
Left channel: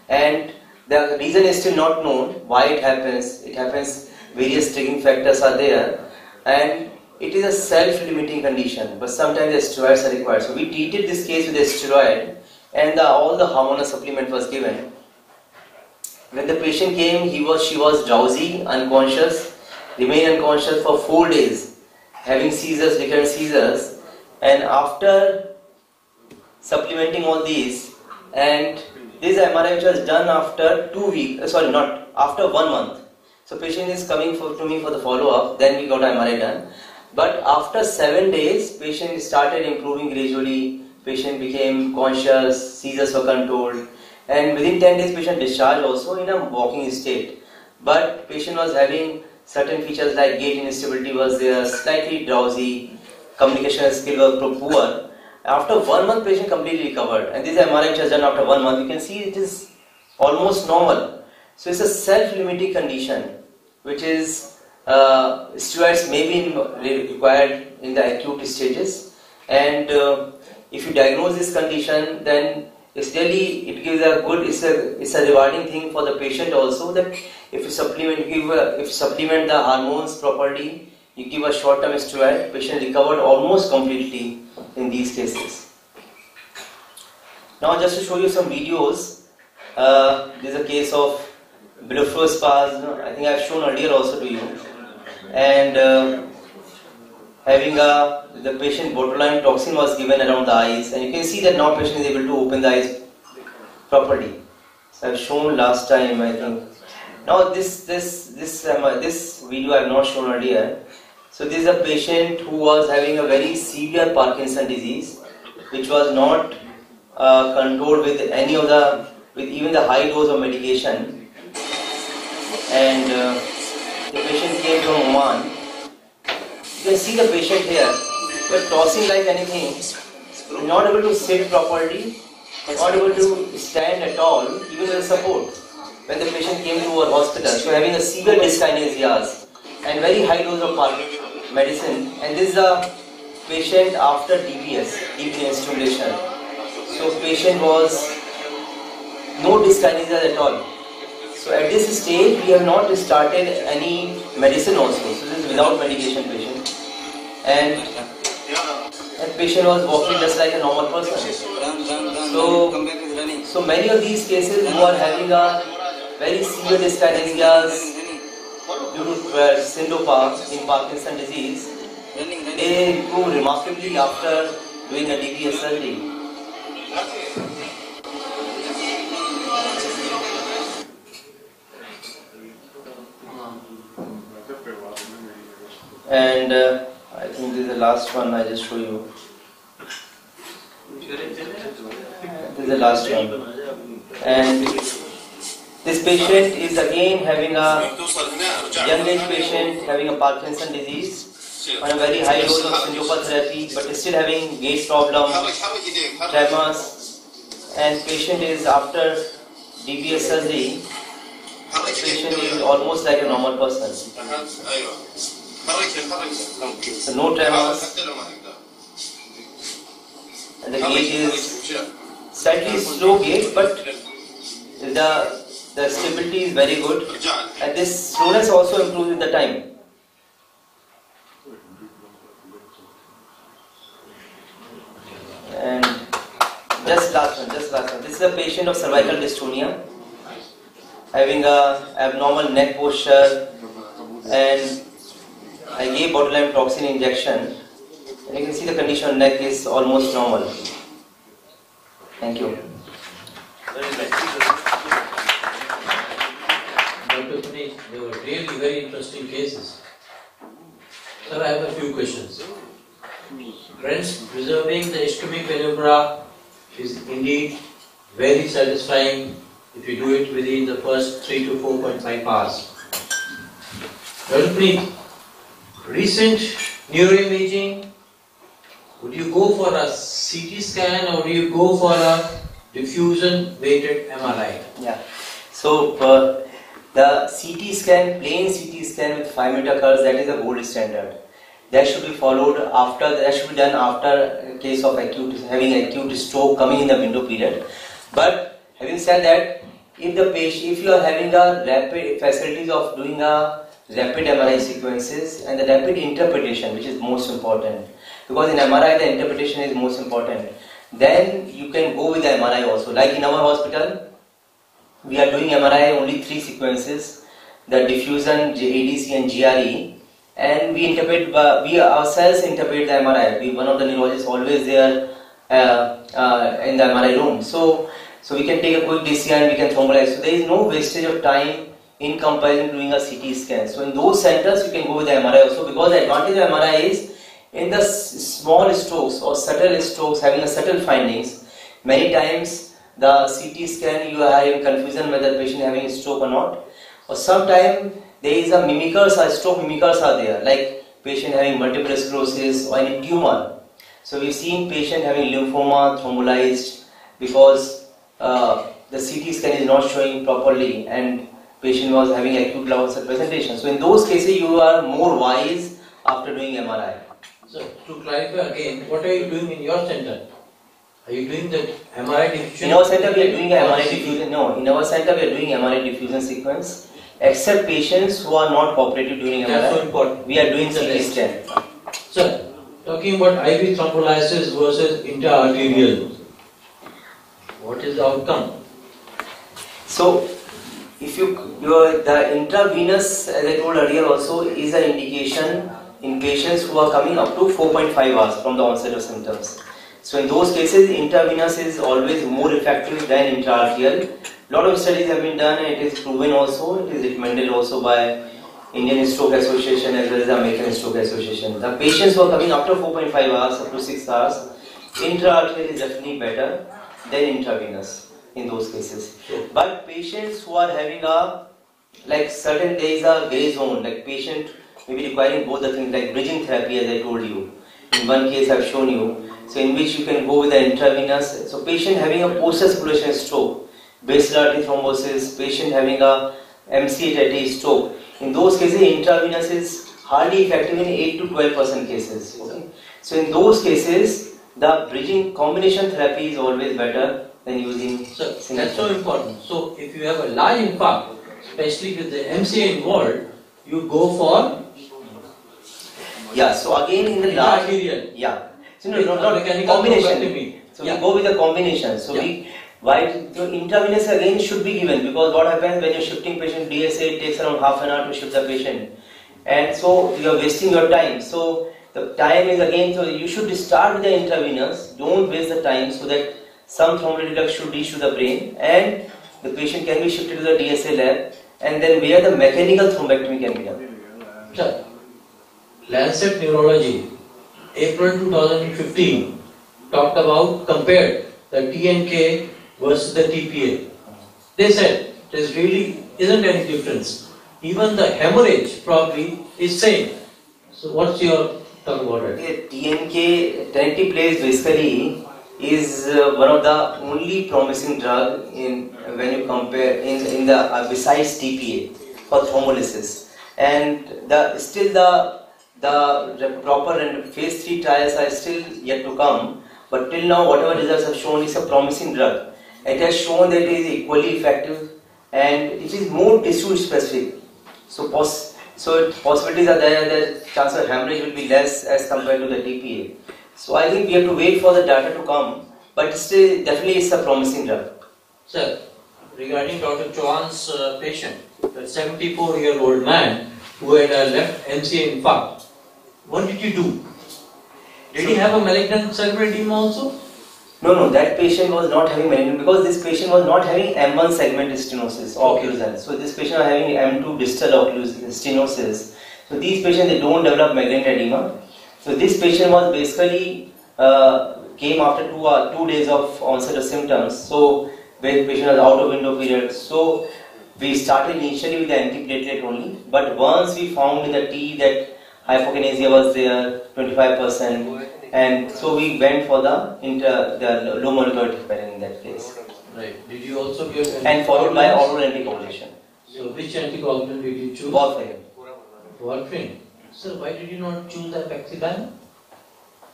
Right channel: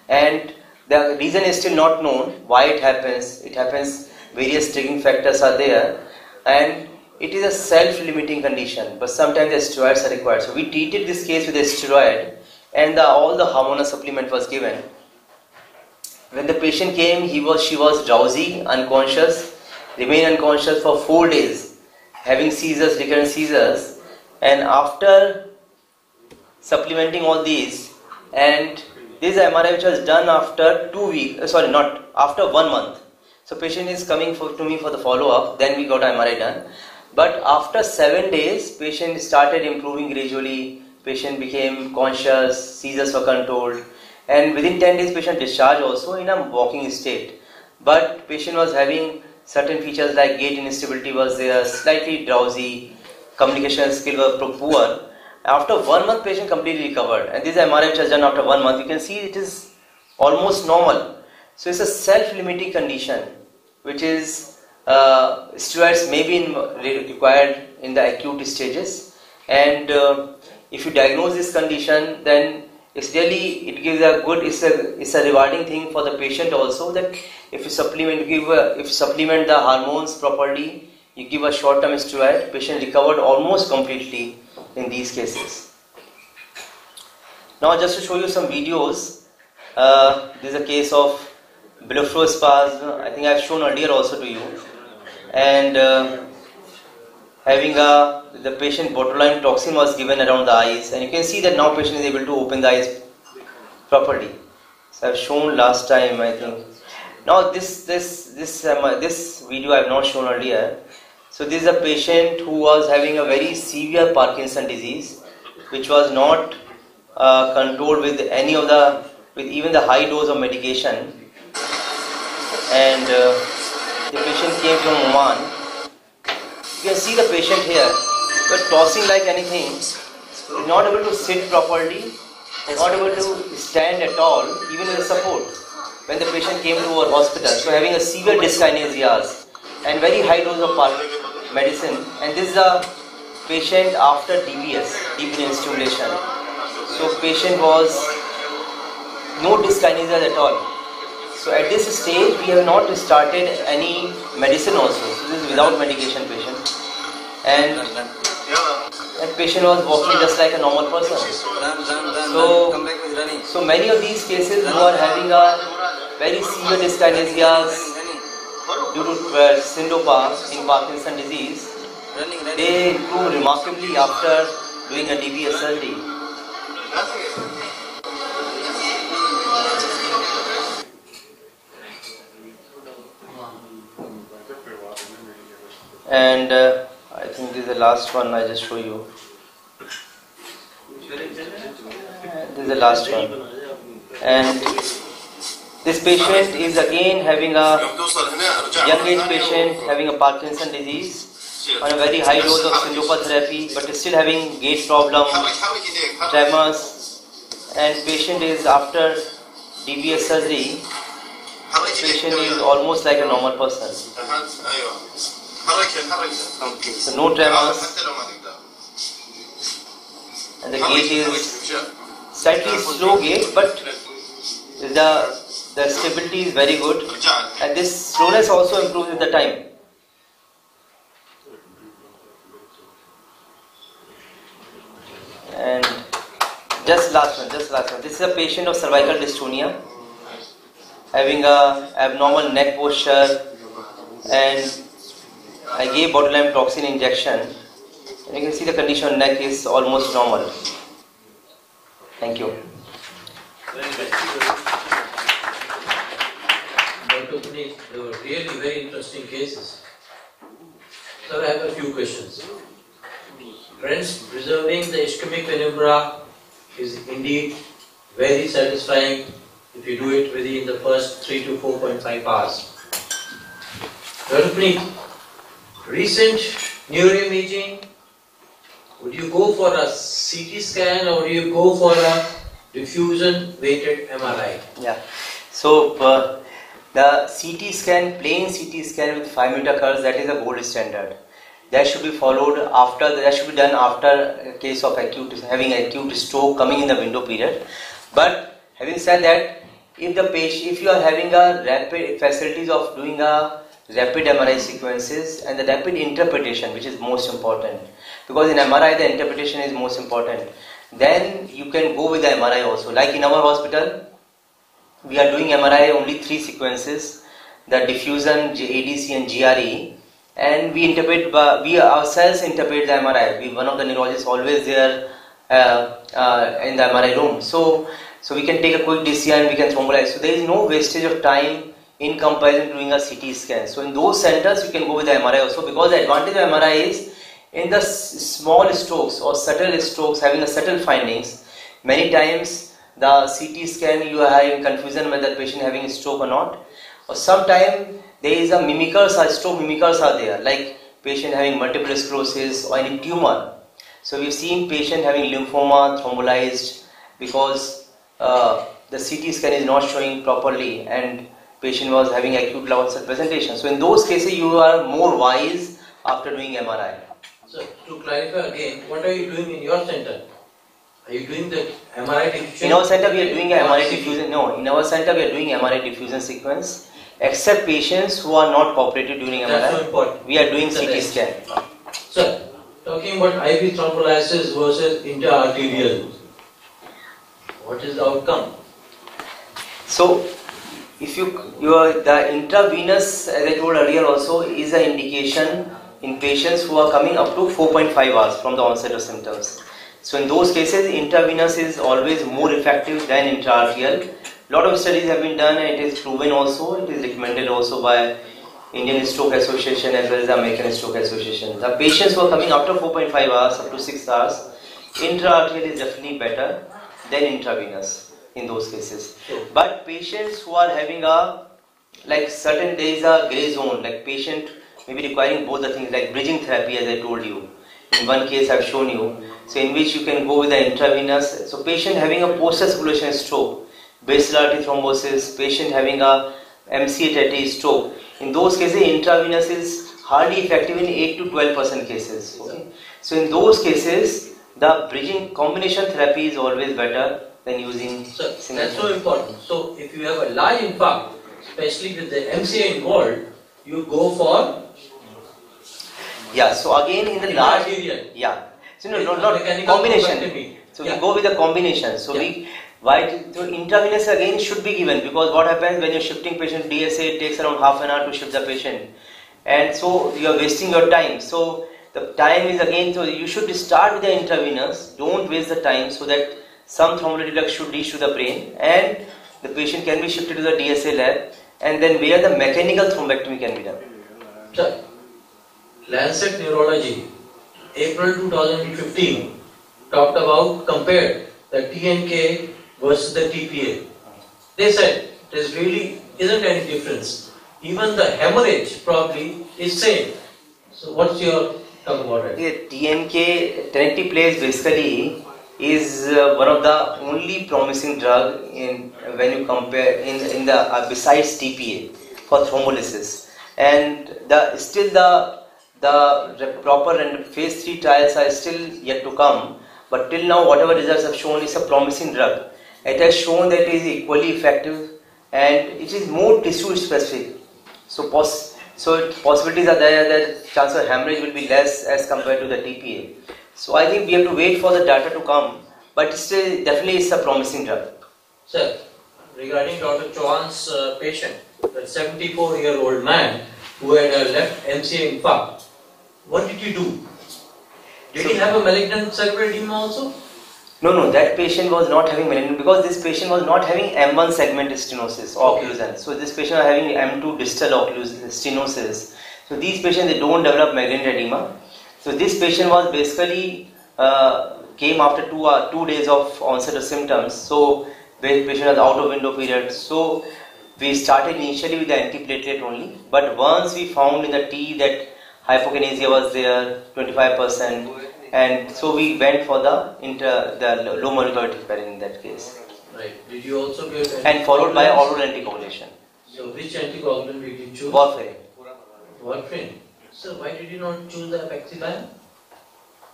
And the reason is still not known why it happens. It happens, various triggering factors are there, and it is a self-limiting condition, but sometimes the steroids are required. So we treated this case with a steroid, and all the hormonal supplement was given. When the patient came, she was drowsy, unconscious, remained unconscious for 4 days, having seizures, recurrent seizures. And after supplementing all these, and this MRI which was done after 2 weeks, after 1 month. So patient is coming to me for the follow-up, then we got MRI done. But after 7 days, patient started improving gradually, patient became conscious, seizures were controlled, and within 10 days patient discharged also in a walking state. But patient was having certain features like gait instability was there, slightly drowsy, communication skill was poor. After 1 month, patient completely recovered, and this MRI which was done after 1 month, you can see it is almost normal. So it's a self-limiting condition, which is steroids may be required in the acute stages, and if you diagnose this condition, then it's really, it gives a good, it's a rewarding thing for the patient also, that if you supplement, if you supplement the hormones properly, you give a short-term steroid, patient recovered almost completely in these cases. Now just to show you some videos, this is a case of blepharospasm, I think I have shown earlier also to you, and having the patient botulinum toxin was given around the eyes, and you can see that now patient is able to open the eyes properly. So I have shown last time, I think. Now this video I have not shown earlier. So this is a patient who was having a very severe Parkinson disease, which was not controlled with any of with even the high dose of medication, and the patient came from Oman. You can see the patient here, but tossing like anything, not able to sit properly, not able to stand at all, even with support. when the patient came to our hospital, so having a severe dyskinesias and very high dose of medicine, and this is a patient after DBS, deep brain stimulation. So patient was no dyskinesia at all. So at this stage, we have not started any medicine also. So this is without medication patient. And that patient was walking just like a normal person. So many of these cases who are having a very severe dyskinesias due to syncope in Parkinson disease, they improve remarkably after doing a DBS surgery. And I think this is the last one I just show you. This is the last one. And this patient is again having a young age patient having a Parkinson disease on a very high dose of syncope therapy, but is still having gait problem, tremors, and patient is after DBS surgery. Patient is almost like a normal person. So no tremors, and the gait is slightly slow gait, but the stability is very good, and this slowness also improves with the time. And just last one. This is a patient of cervical dystonia, having a abnormal neck posture, and I gave botulinum toxin injection, and you can see the condition of neck is almost normal. Thank you. Dr. Puneet, they were really very interesting cases. Sir, I have a few questions. Friends, preserving the ischemic penumbra is indeed very satisfying if you do it within the first 3 to 4.5 hours. Dr. Puneet, recent neuroimaging, would you go for a CT scan or do you go for a diffusion weighted MRI? Yeah. So the CT scan, plain CT scan with 5 meter curves, that is the gold standard. That should be followed after. That should be done after a case of having acute stroke coming in the window period. But having said that, if you are having a rapid facilities of doing a rapid MRI sequences and the rapid interpretation, which is most important, because in MRI the interpretation is most important, then you can go with the MRI also. Like in our hospital, we are doing MRI only 3 sequences, the diffusion, ADC and GRE, and we ourselves interpret the MRI. One of the neurologists always there in the MRI room. So we can take a quick DC and we can thrombolize. So there is no wastage of time in comparison to doing a CT scan. So in those centers you can go with the MRI also, because the advantage of MRI is in the small strokes or subtle strokes, having a subtle findings. Many times the CT scan you are having confusion whether the patient having a stroke or not, or sometimes there is a stroke mimickers are there, like patient having multiple sclerosis or any tumor. So we've seen patient having lymphoma thrombolized because the CT scan is not showing properly and patient was having acute loss of presentation. So in those cases you are more wise after doing MRI. So to clarify again, what are you doing in your center? Are you doing the MRI diffusion? In our center we are doing MRI diffusion. No, in our center we are doing MRI diffusion sequence. Except patients who are not cooperative during MRI, that's so important. We are doing CT scan. Sir, talking about IV thrombolysis versus intra-arterial, what is the outcome? So, if the intravenous, as I told earlier also, is an indication in patients who are coming up to 4.5 hours from the onset of symptoms. So in those cases, intravenous is always more effective than intra-arterial. A lot of studies have been done and it is proven also, it is recommended also by Indian Stroke Association as well as the American Stroke Association. The patients who are coming after 4.5 hours up to 6 hours, intra-arterial is definitely better than intravenous in those cases. But patients who are having certain days a grey zone, like patient may be requiring both the things like bridging therapy as I told you. In one case I have shown you, so in which you can go with the intravenous. So patient having a post-circulation stroke, basilar artery thrombosis, patient having a MCA-30 stroke. In those cases, intravenous is hardly effective in 8 to 12% cases. Okay? So in those cases, the bridging combination therapy is always better than using. So that's so important. So if you have a large infarct, especially with the MCA involved, you go for So again in the large so not combination. So we go with a combination. So intravenous again should be given, because what happens when you're shifting patient DSA, it takes around half an hour to shift the patient, and so you are wasting your time. So the time is again, so you should start with the intravenous, don't waste the time, so that some thrombolytic flux should reach to the brain and the patient can be shifted to the DSA lab, and then where the mechanical thrombectomy can be done. Sir, Lancet Neurology, April 2015, talked about, compared the TNK versus the TPA. They said there really isn't any difference. Even the hemorrhage probably is same. So what's your talk about it? TNK, tenecteplase basically is one of the only promising drug in when you compare in the besides TPA for thrombolysis, and the proper and phase 3 trials are still yet to come, but till now whatever results have shown is a promising drug. It has shown that it is equally effective and it is more tissue specific, so possibilities are there that chance of hemorrhage will be less as compared to the TPA. So I think we have to wait for the data to come, but still definitely it's a promising drug. Sir, regarding Dr. Chauhan's patient, that 74-year-old man who had a left MCA infarct, what did you do? Did he have a malignant cerebral edema also? No, that patient was not having malignant, because this patient was not having M1 segment stenosis, occlusal. So this patient was having M2 distal stenosis. So these patients, they don't develop malignant edema. So this patient was basically came after 2 days of onset of symptoms. So the patient was out of window period. So we started initially with the antiplatelet only, but once we found in the T that hypokinesia was there, 25%, and so we went for the low molecular heparin in that case. Right. Did you also give and followed by oral anticoagulation. So which anticoagulant did you choose? Warfarin. Warfarin. So why did you not choose the apixaban?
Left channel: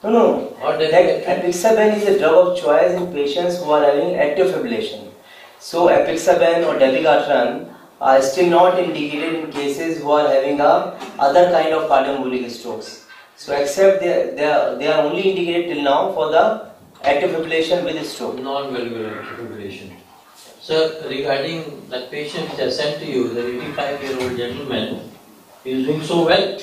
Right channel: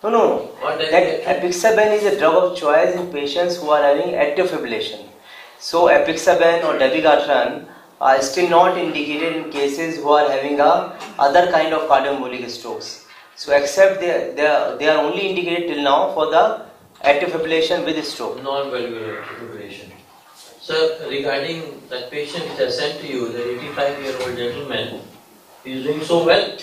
No. Apixaban is a drug of choice in patients who are having atrial fibrillation. So apixaban or dabigatran are still not indicated in cases who are having other kind of cardioembolic strokes. So except they are only indicated till now for the atrial fibrillation with stroke. Non-valvular fibrillation. So regarding that patient which I sent to you, the 85-year-old gentleman, he is doing so well.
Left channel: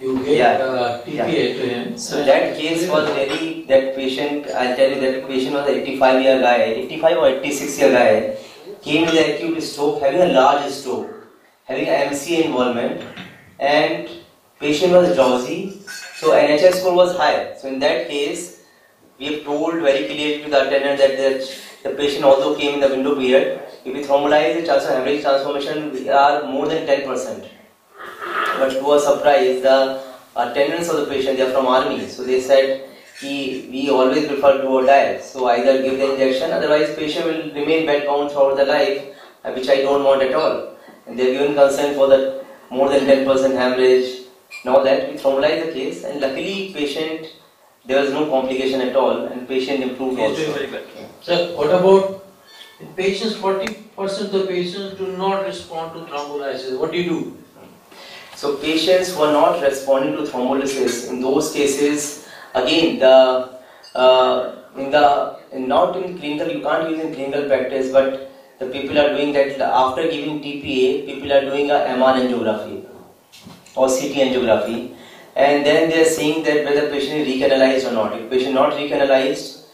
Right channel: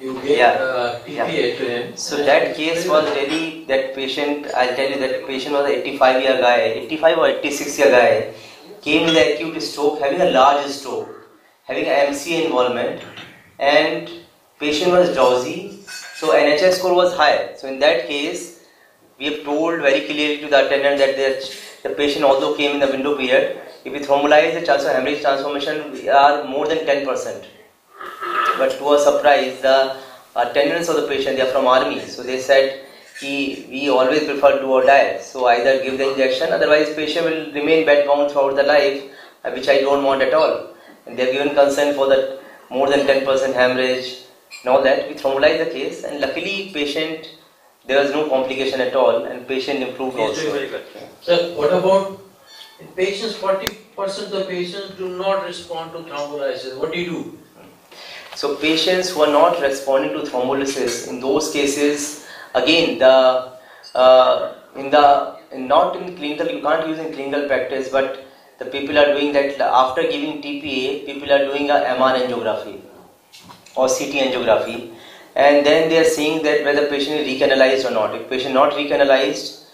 You gave TPA to him. So that case was really, that patient, I'll tell you, that patient was an 85-year guy, 85 or 86-year guy, came with an acute stroke, having a large stroke, having an MCA involvement, and patient was drowsy, so NHS score was high. So in that case, we have told very clearly to the attendant that the patient also came in the window period. If we thrombolize, the chance of hemorrhage transformation are more than 10%. But to our surprise, the attendants of the patient, they are from army, so they said, we always prefer do or die. So either give the injection, otherwise patient will remain bedbound throughout the life, which I don't want at all. And they are given consent for that more than 10% hemorrhage. Now that we thrombolize the case, and luckily patient, there was no complication at all, and patient improved also. Doing very good. So what about in patients? 40% of the patients do not respond to thrombolysis. What do you do? So patients who are not responding to thrombolysis, in those cases, again, not in clinical, you can't use in clinical practice, but the people are doing that after giving TPA, people are doing a MR angiography or CT angiography, and then they are seeing that whether patient is recanalized or not. If patient not recanalized,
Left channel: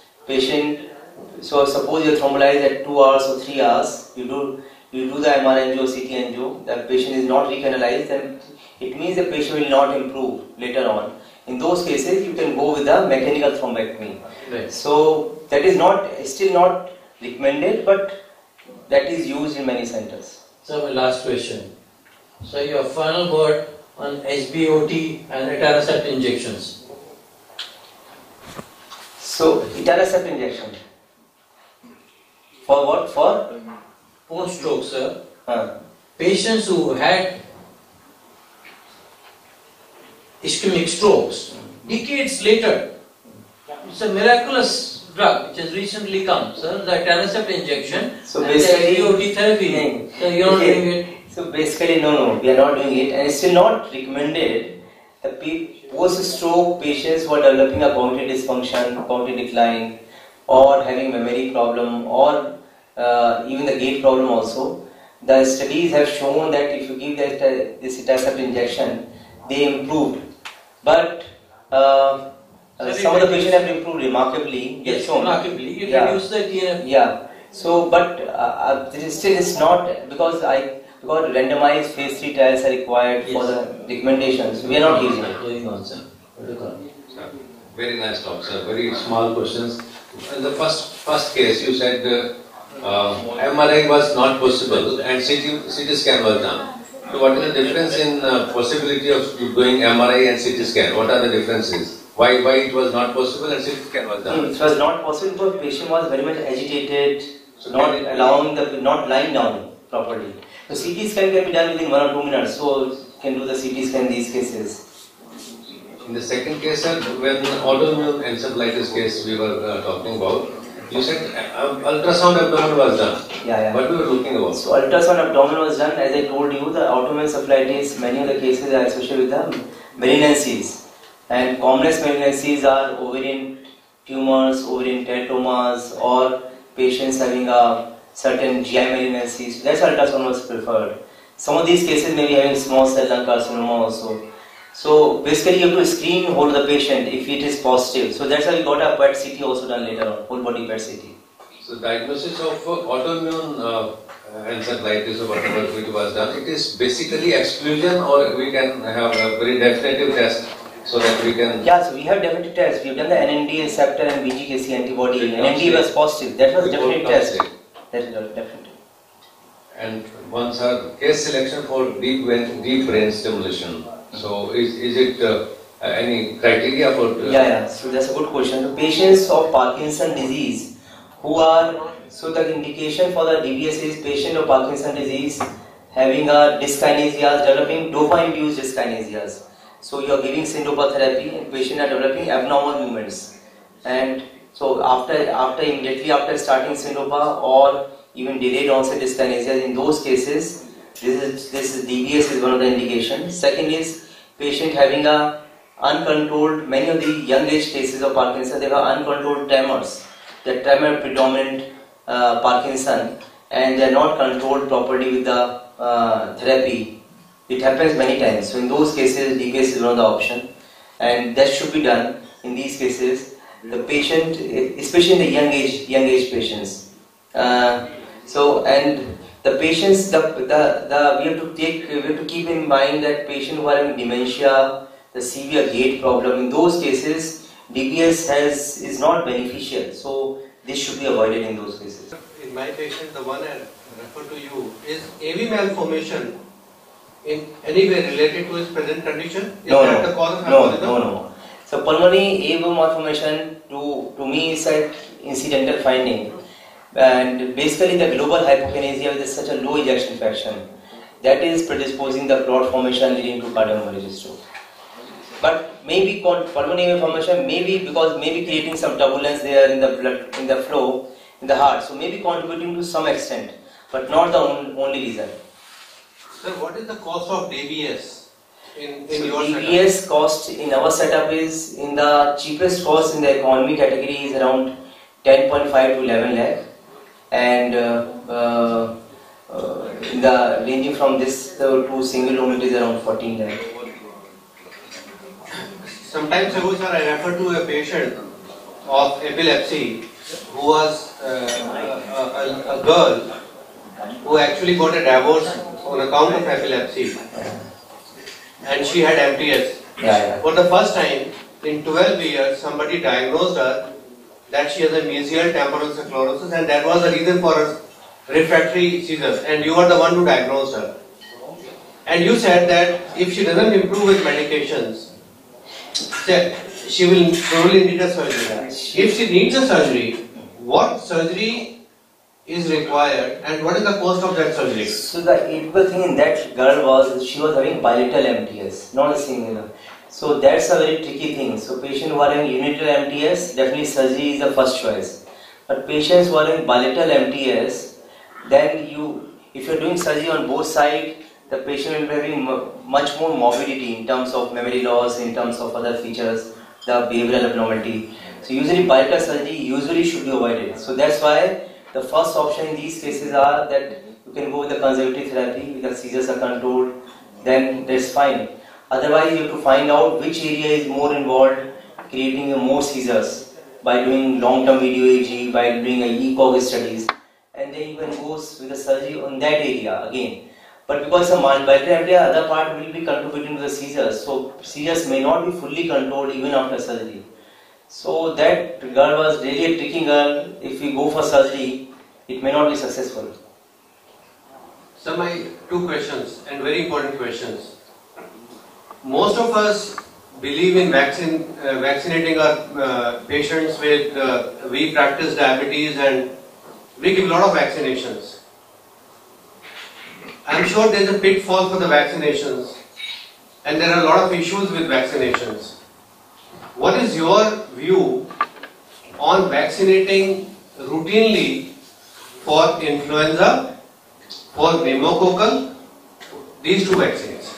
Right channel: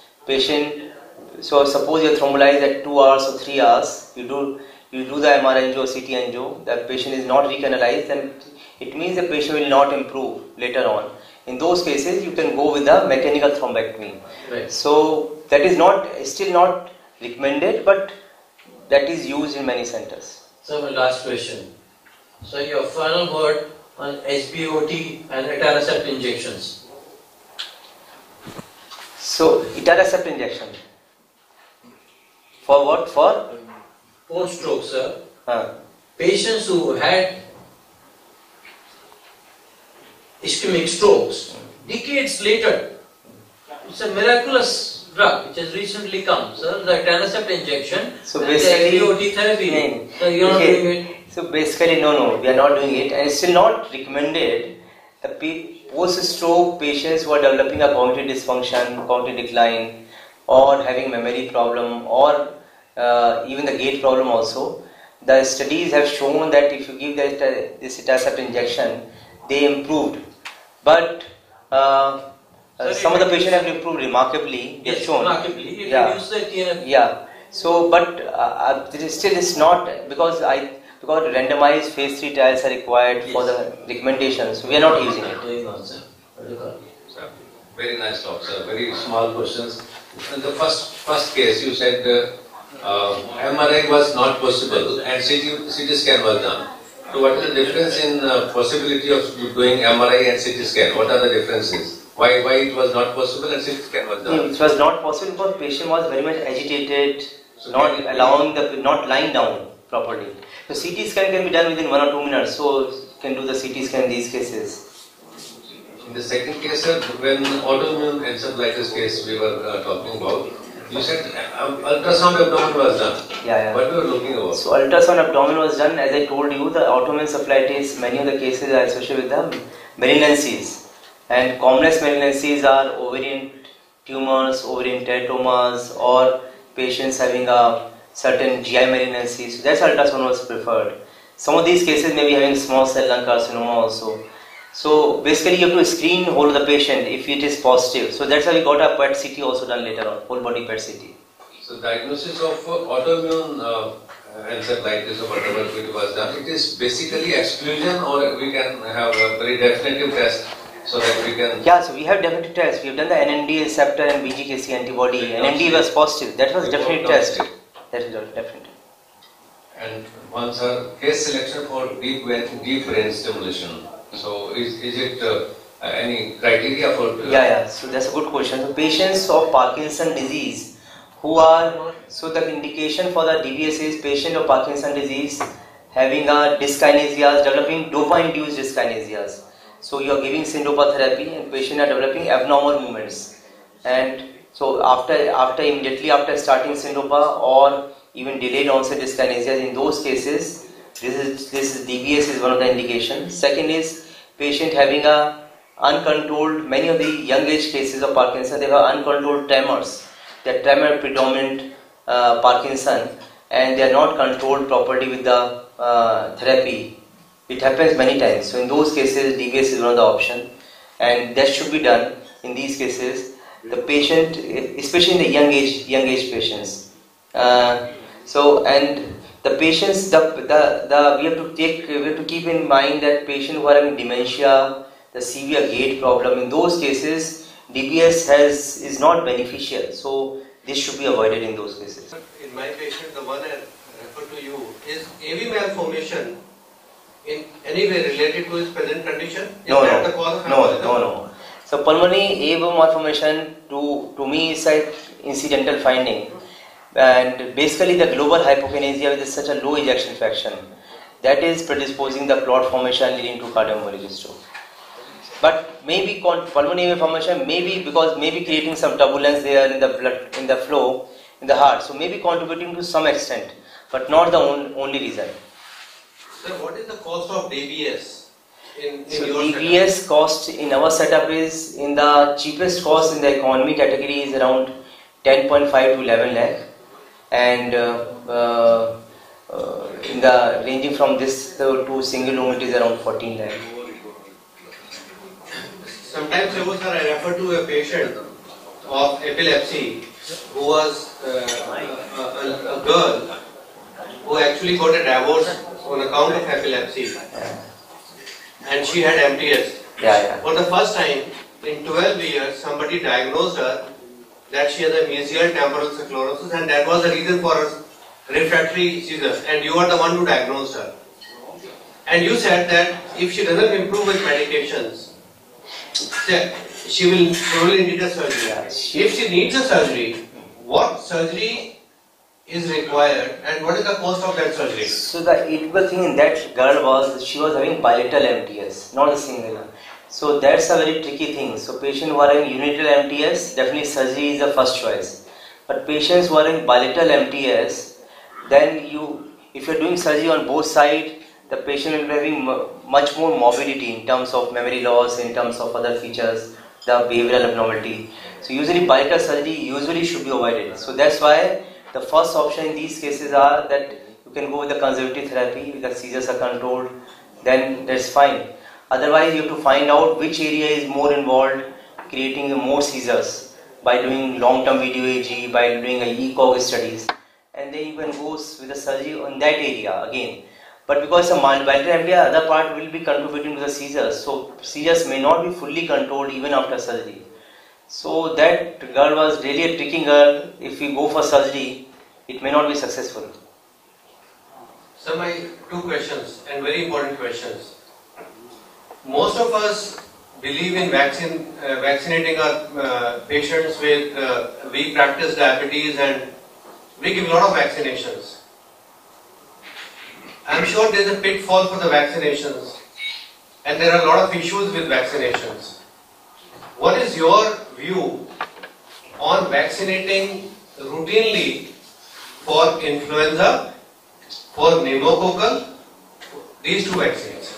so suppose you are thrombolized at 2 hours or 3 hours, you do the MR angio, CT angio, the patient is not recanalized, then it means the patient will not improve later on. In those cases, you can go with the mechanical thrombectomy. Right. So that is still not recommended, but that is used in many centers. So my last question. So your final word on HBOT and etanercept injections. So etanercept injection. For what? For? Post-stroke, sir. Patients who had ischemic strokes, decades later, it's a miraculous drug which has recently come, sir, the etanercept injection, so basically, SVOT therapy. So you're not doing it. So basically, no, we are not doing it, and it's still not recommended. The post-stroke patients who are developing a cognitive dysfunction, cognitive decline, or having memory problem, or even the gait problem also, the studies have shown that if you give this etanercept injection, they improved. But some of the patients have improved remarkably. Yes, remarkably. It reduces the TNF. Yeah. So, but still it's not because randomized phase 3 trials are required for the recommendations. So we are not using it. Going on, sir. Very nice talk, sir. Very small questions. In the first case, you said MRI was not possible and CT scan was done. So what is the difference in possibility of doing MRI and CT scan? What are the differences? Why it was not possible and CT scan was done? It was not possible because the patient was very much agitated, so not lying down properly. So CT scan can be done within 1 or 2 minutes. So you can do the CT scan in these cases. In the second case, sir, when autoimmune encephalitis case we were talking about, you said ultrasound abdomen was done. Yeah. What we were looking about? So ultrasound abdomen was done. As I told you, the autoimmune encephalitis, many of the cases are associated with the malignancies. And commonest malignancies are ovarian tumors, ovarian teratomas, or patients having a certain GI malignancy. So that's ultrasound was preferred. Some of these cases may be having small cell lung carcinoma also. So basically you have to screen whole the patient if it is positive. So that's why we got a PET CT also done later on, whole body PET CT. So diagnosis of autoimmune encephalitis or whatever it was done, it is basically exclusion, or we can have a very definitive test so that we can... Yeah, so we have definitive tests. We have done the NND receptor and BGKC antibody. NND was positive. That was definite test. That is definite. And once our case selection for deep brain stimulation. So is it any criteria for... Yeah. So that's a good question. The patients of Parkinson disease who are... So the indication for the DBS is patient of Parkinson disease having a dyskinesias, developing dopamine-induced dyskinesias. So you are giving syndopa therapy and patient are developing abnormal movements. And so immediately after starting syndopa or even delayed onset dyskinesias, in those cases, this is DBS is one of the indications. Second is patient having a uncontrolled, many of the young age cases of Parkinson, they have uncontrolled tremors. The tremor predominant Parkinson, and they are not controlled properly with the therapy. It happens many times. So in those cases, DBS is one of the options, and that should be done in these cases. The patient, especially in the young age patients. The patients, we have to keep in mind that patients who are having dementia, the severe gait problem, in those cases, DBS is not beneficial. So this should be avoided in those cases. In my patient, the one I refer to you, is AV malformation in any way related to his present condition? Is that the cause of hypothesis? No. So pulmonary AV malformation to me is an incidental finding. And basically the global hypokinesia with such a low ejection fraction, that is predisposing the clot formation leading to cardiomyopathy stroke. But maybe pulmonary formation, maybe creating some turbulence there in the blood, in the flow, in the heart. So maybe contributing to some extent, but not the only reason. Sir, what is the cost of DBS in your DBS setup? cost in our setup is, in the cheapest cost in the economy category is around 10.5 to 11 lakh. And in the ranging from this to single room, it is around 14 lakh. Sometimes ago, sir, I refer to a patient of epilepsy who was a girl who actually got a divorce on account of epilepsy, and she had MTS. For the first time in 12 years, somebody diagnosed her that she has a mesial temporal sclerosis, and that was the reason for her refractory seizures, and you are the one who diagnosed her. And you said that if she doesn't improve with medications, she will probably need a surgery. If she needs a surgery, what surgery is required, and what is the cost of that surgery? So the typical thing in that girl was she was having bilateral MTS, not a single. So that's a very tricky thing. So patients who are having unilateral MTS, definitely surgery is the first choice. But patients who are in bilateral MTS, then if you're doing surgery on both sides, the patient will be having much more morbidity in terms of memory loss, in terms of other features, the behavioral abnormality. So usually bilateral surgery should be avoided. So that's why the first option in these cases are that you can go with the conservative therapy, if the seizures are controlled, then that's fine. Otherwise, you have to find out which area is more involved, creating more seizures by doing long-term video EEG, by doing ECOG studies, and then you can go with the surgery on that area again. But because the bilateral area, other part will be contributing to the seizures, so seizures may not be fully controlled even after surgery. So that girl was really a tricky girl. If we go for surgery, it may not be successful. So my two questions, and very important questions. Most of us believe in vaccinating our patients with, we practice diabetes and we give a lot of vaccinations. I'm sure there's a pitfall for the vaccinations, and there are a lot of issues with vaccinations. What is your view on vaccinating routinely for influenza, for pneumococcal, these two vaccines?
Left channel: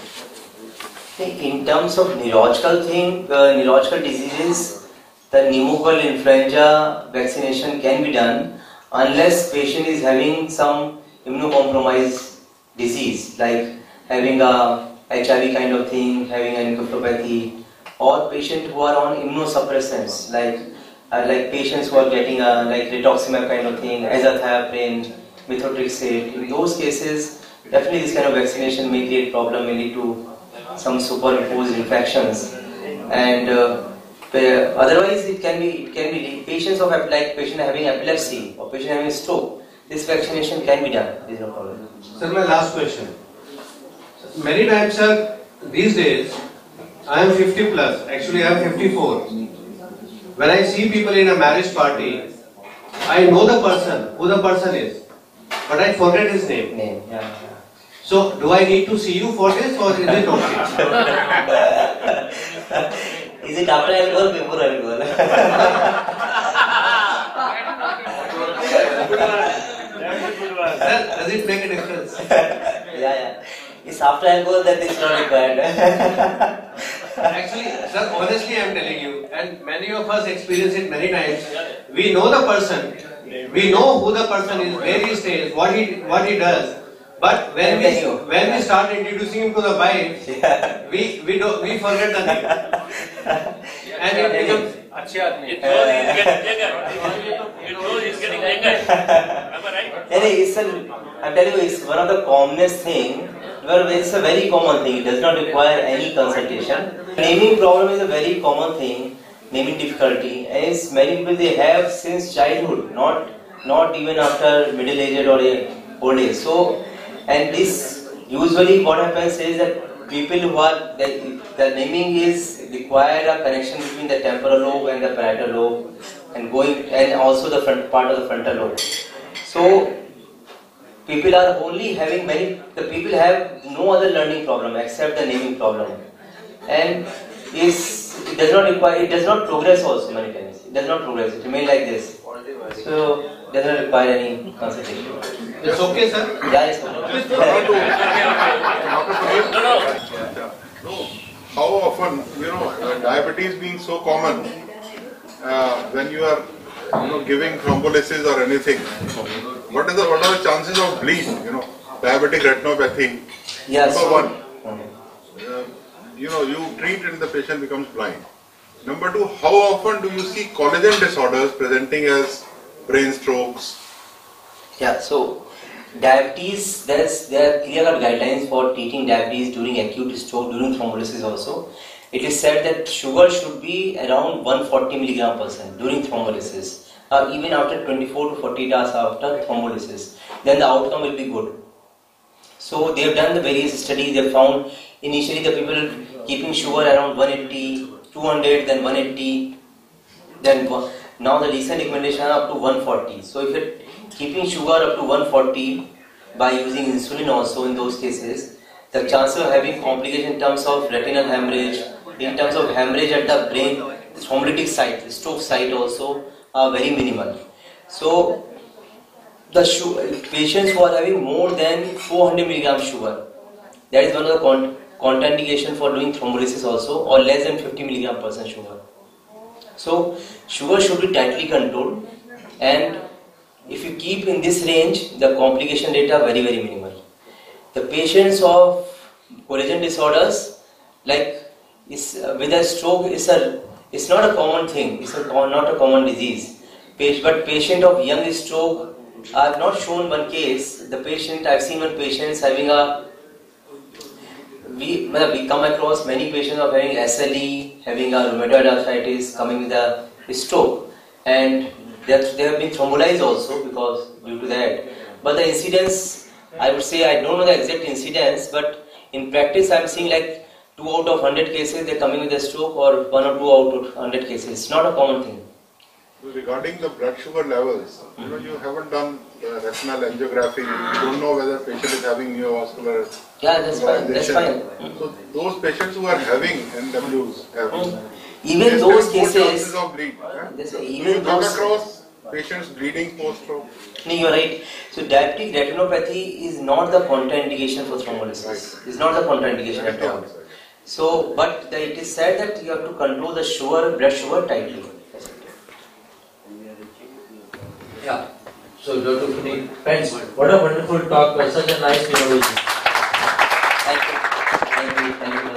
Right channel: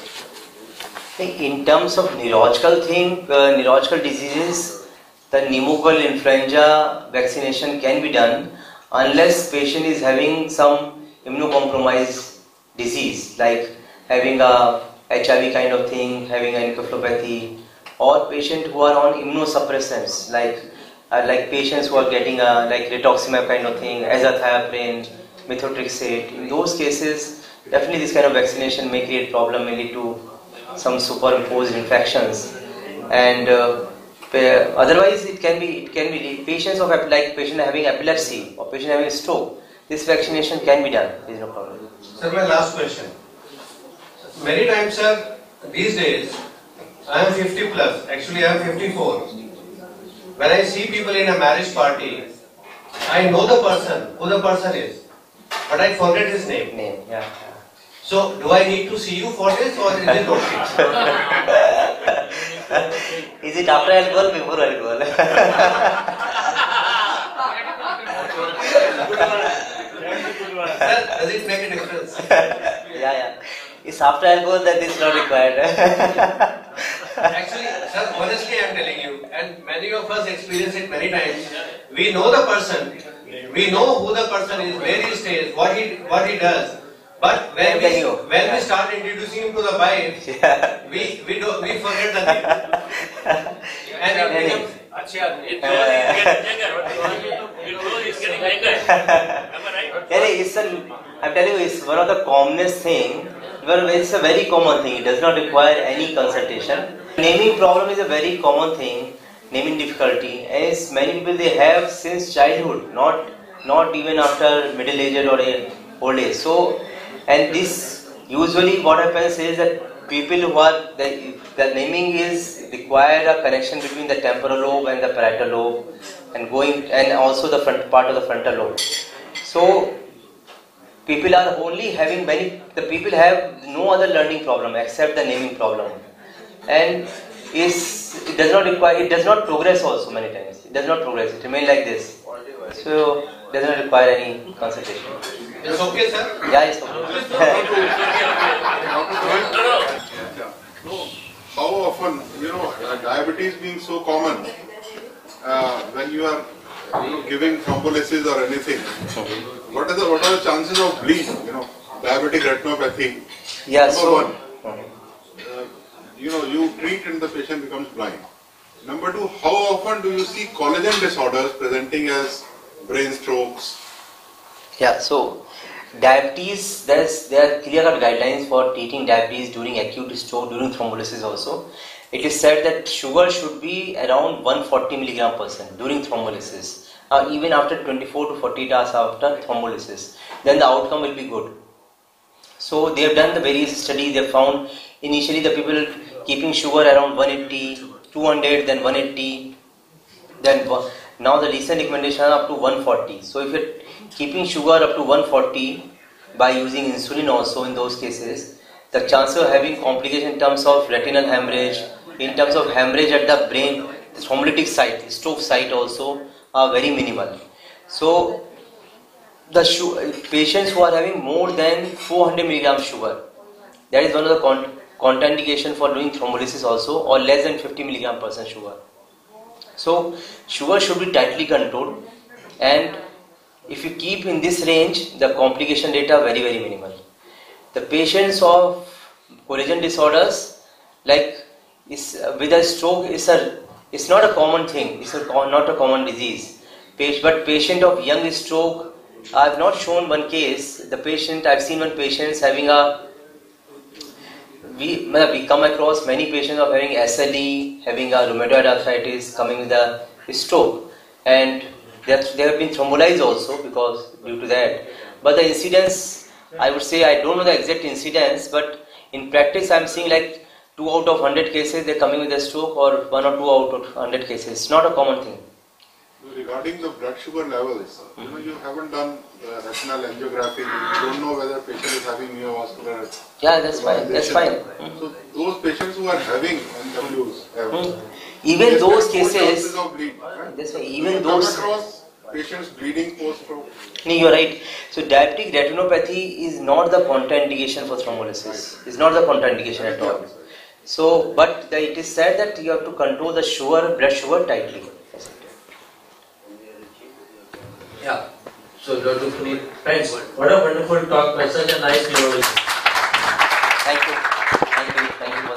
In terms of neurological diseases, the pneumococcal influenza vaccination can be done unless patient is having some immunocompromised disease, like having a HIV kind of thing, having an encephalopathy, or patients who are on immunosuppressants, like patients who are getting like rituximab kind of thing, azathioprine, methotrexate. In those cases, definitely this kind of vaccination may create problem, may lead to some superimposed infections, and otherwise it can be patients patient having epilepsy or patient having stroke. This vaccination can be done. There is no problem. Sir, my last question. Many times, sir, these days, I am 50 plus. Actually, I am 54. When I see people in a marriage party, I know the person, who the person is, but I forget his name. Yeah. So, do I need to see you for this, or is it okay? Is it after alcohol, before alcohol? Sir, does it make a difference? Yeah. It's after alcohol that is not required. Actually, sir, honestly I am telling you, and many of us experience it many times. We know the person, we know who the person is, where he stays, what he does. But when we start introducing him to the wife, we forget the name. And it becomes It's getting younger. Am I right? I'm telling you, it's one of the commonest thing. Well, it's a very common thing. It does not require any consultation. Naming problem is a very common thing. Naming difficulty, as many people they have since childhood, not even after middle age or old age. So, and this usually what happens is that people who are the naming is require a connection between the temporal lobe and the parietal lobe, and also the front part of the frontal lobe. So people are only having the people have no other learning problem except the naming problem, and it does not progress also many times. It does not progress. It remains like this. So it does not require any consultation. It's okay, sir? Yeah, it's okay. How often, diabetes being so common, when you are, giving thrombolysis or anything, what are the chances of bleed? Diabetic retinopathy. Yeah. Number one, you treat and the patient becomes blind. Number two, how often do you see collagen disorders presenting as brain strokes? Yeah. So diabetes, there are clear-cut guidelines for treating diabetes during acute stroke, during thrombolysis also. It is said that sugar should be around 140 mg/% during thrombolysis, or even after 24 to 48 hours after thrombolysis. Then the outcome will be good. So they have done the various studies. They found initially the people keeping sugar around 180, 200, then 180, then now the recent recommendation are up to 140. So keeping sugar up to 140 by using insulin also in those cases, the chance of having complication in terms of retinal hemorrhage, in terms of hemorrhage at the brain, the thrombolytic site, stroke site also are very minimal. So the patients who are having more than 400 milligram sugar, that is one of the contraindication for doing thrombolysis also, or less than 50 milligram percent sugar. So sugar should be tightly controlled, and if you keep in this range, the complication rate are very, very minimal. The patients of collagen disorders, like with a stroke, it's not a common thing. It's not a common disease. But patient of young stroke, I have not shown one case. I've seen one patient having we come across many patients of having SLE, having a rheumatoid arthritis, coming with a stroke, and they have been thrombolized also because due to that. But the incidence, I would say, I don't know the exact incidence, but in practice I'm seeing like 2 out of 100 cases they're coming with a stroke, or 1 or 2 out of 100 cases. It's not a common thing. Regarding the blood sugar levels, you haven't done retinal angiography, you don't know whether patient is having neovascular. Yeah, that's fine. That's fine. So those patients who are having NWs, even those cases, of bleed, even those across patients bleeding post-stroke. No, you're right. So diabetic retinopathy is not the contraindication for thrombolysis. It's not the contraindication at all. So, but it is said that you have to control the blood sugar tightly. Yeah. So, Dr. Puneet, thanks. What a wonderful talk by such a nice neurologist. Thank you. Thank you. Thank you.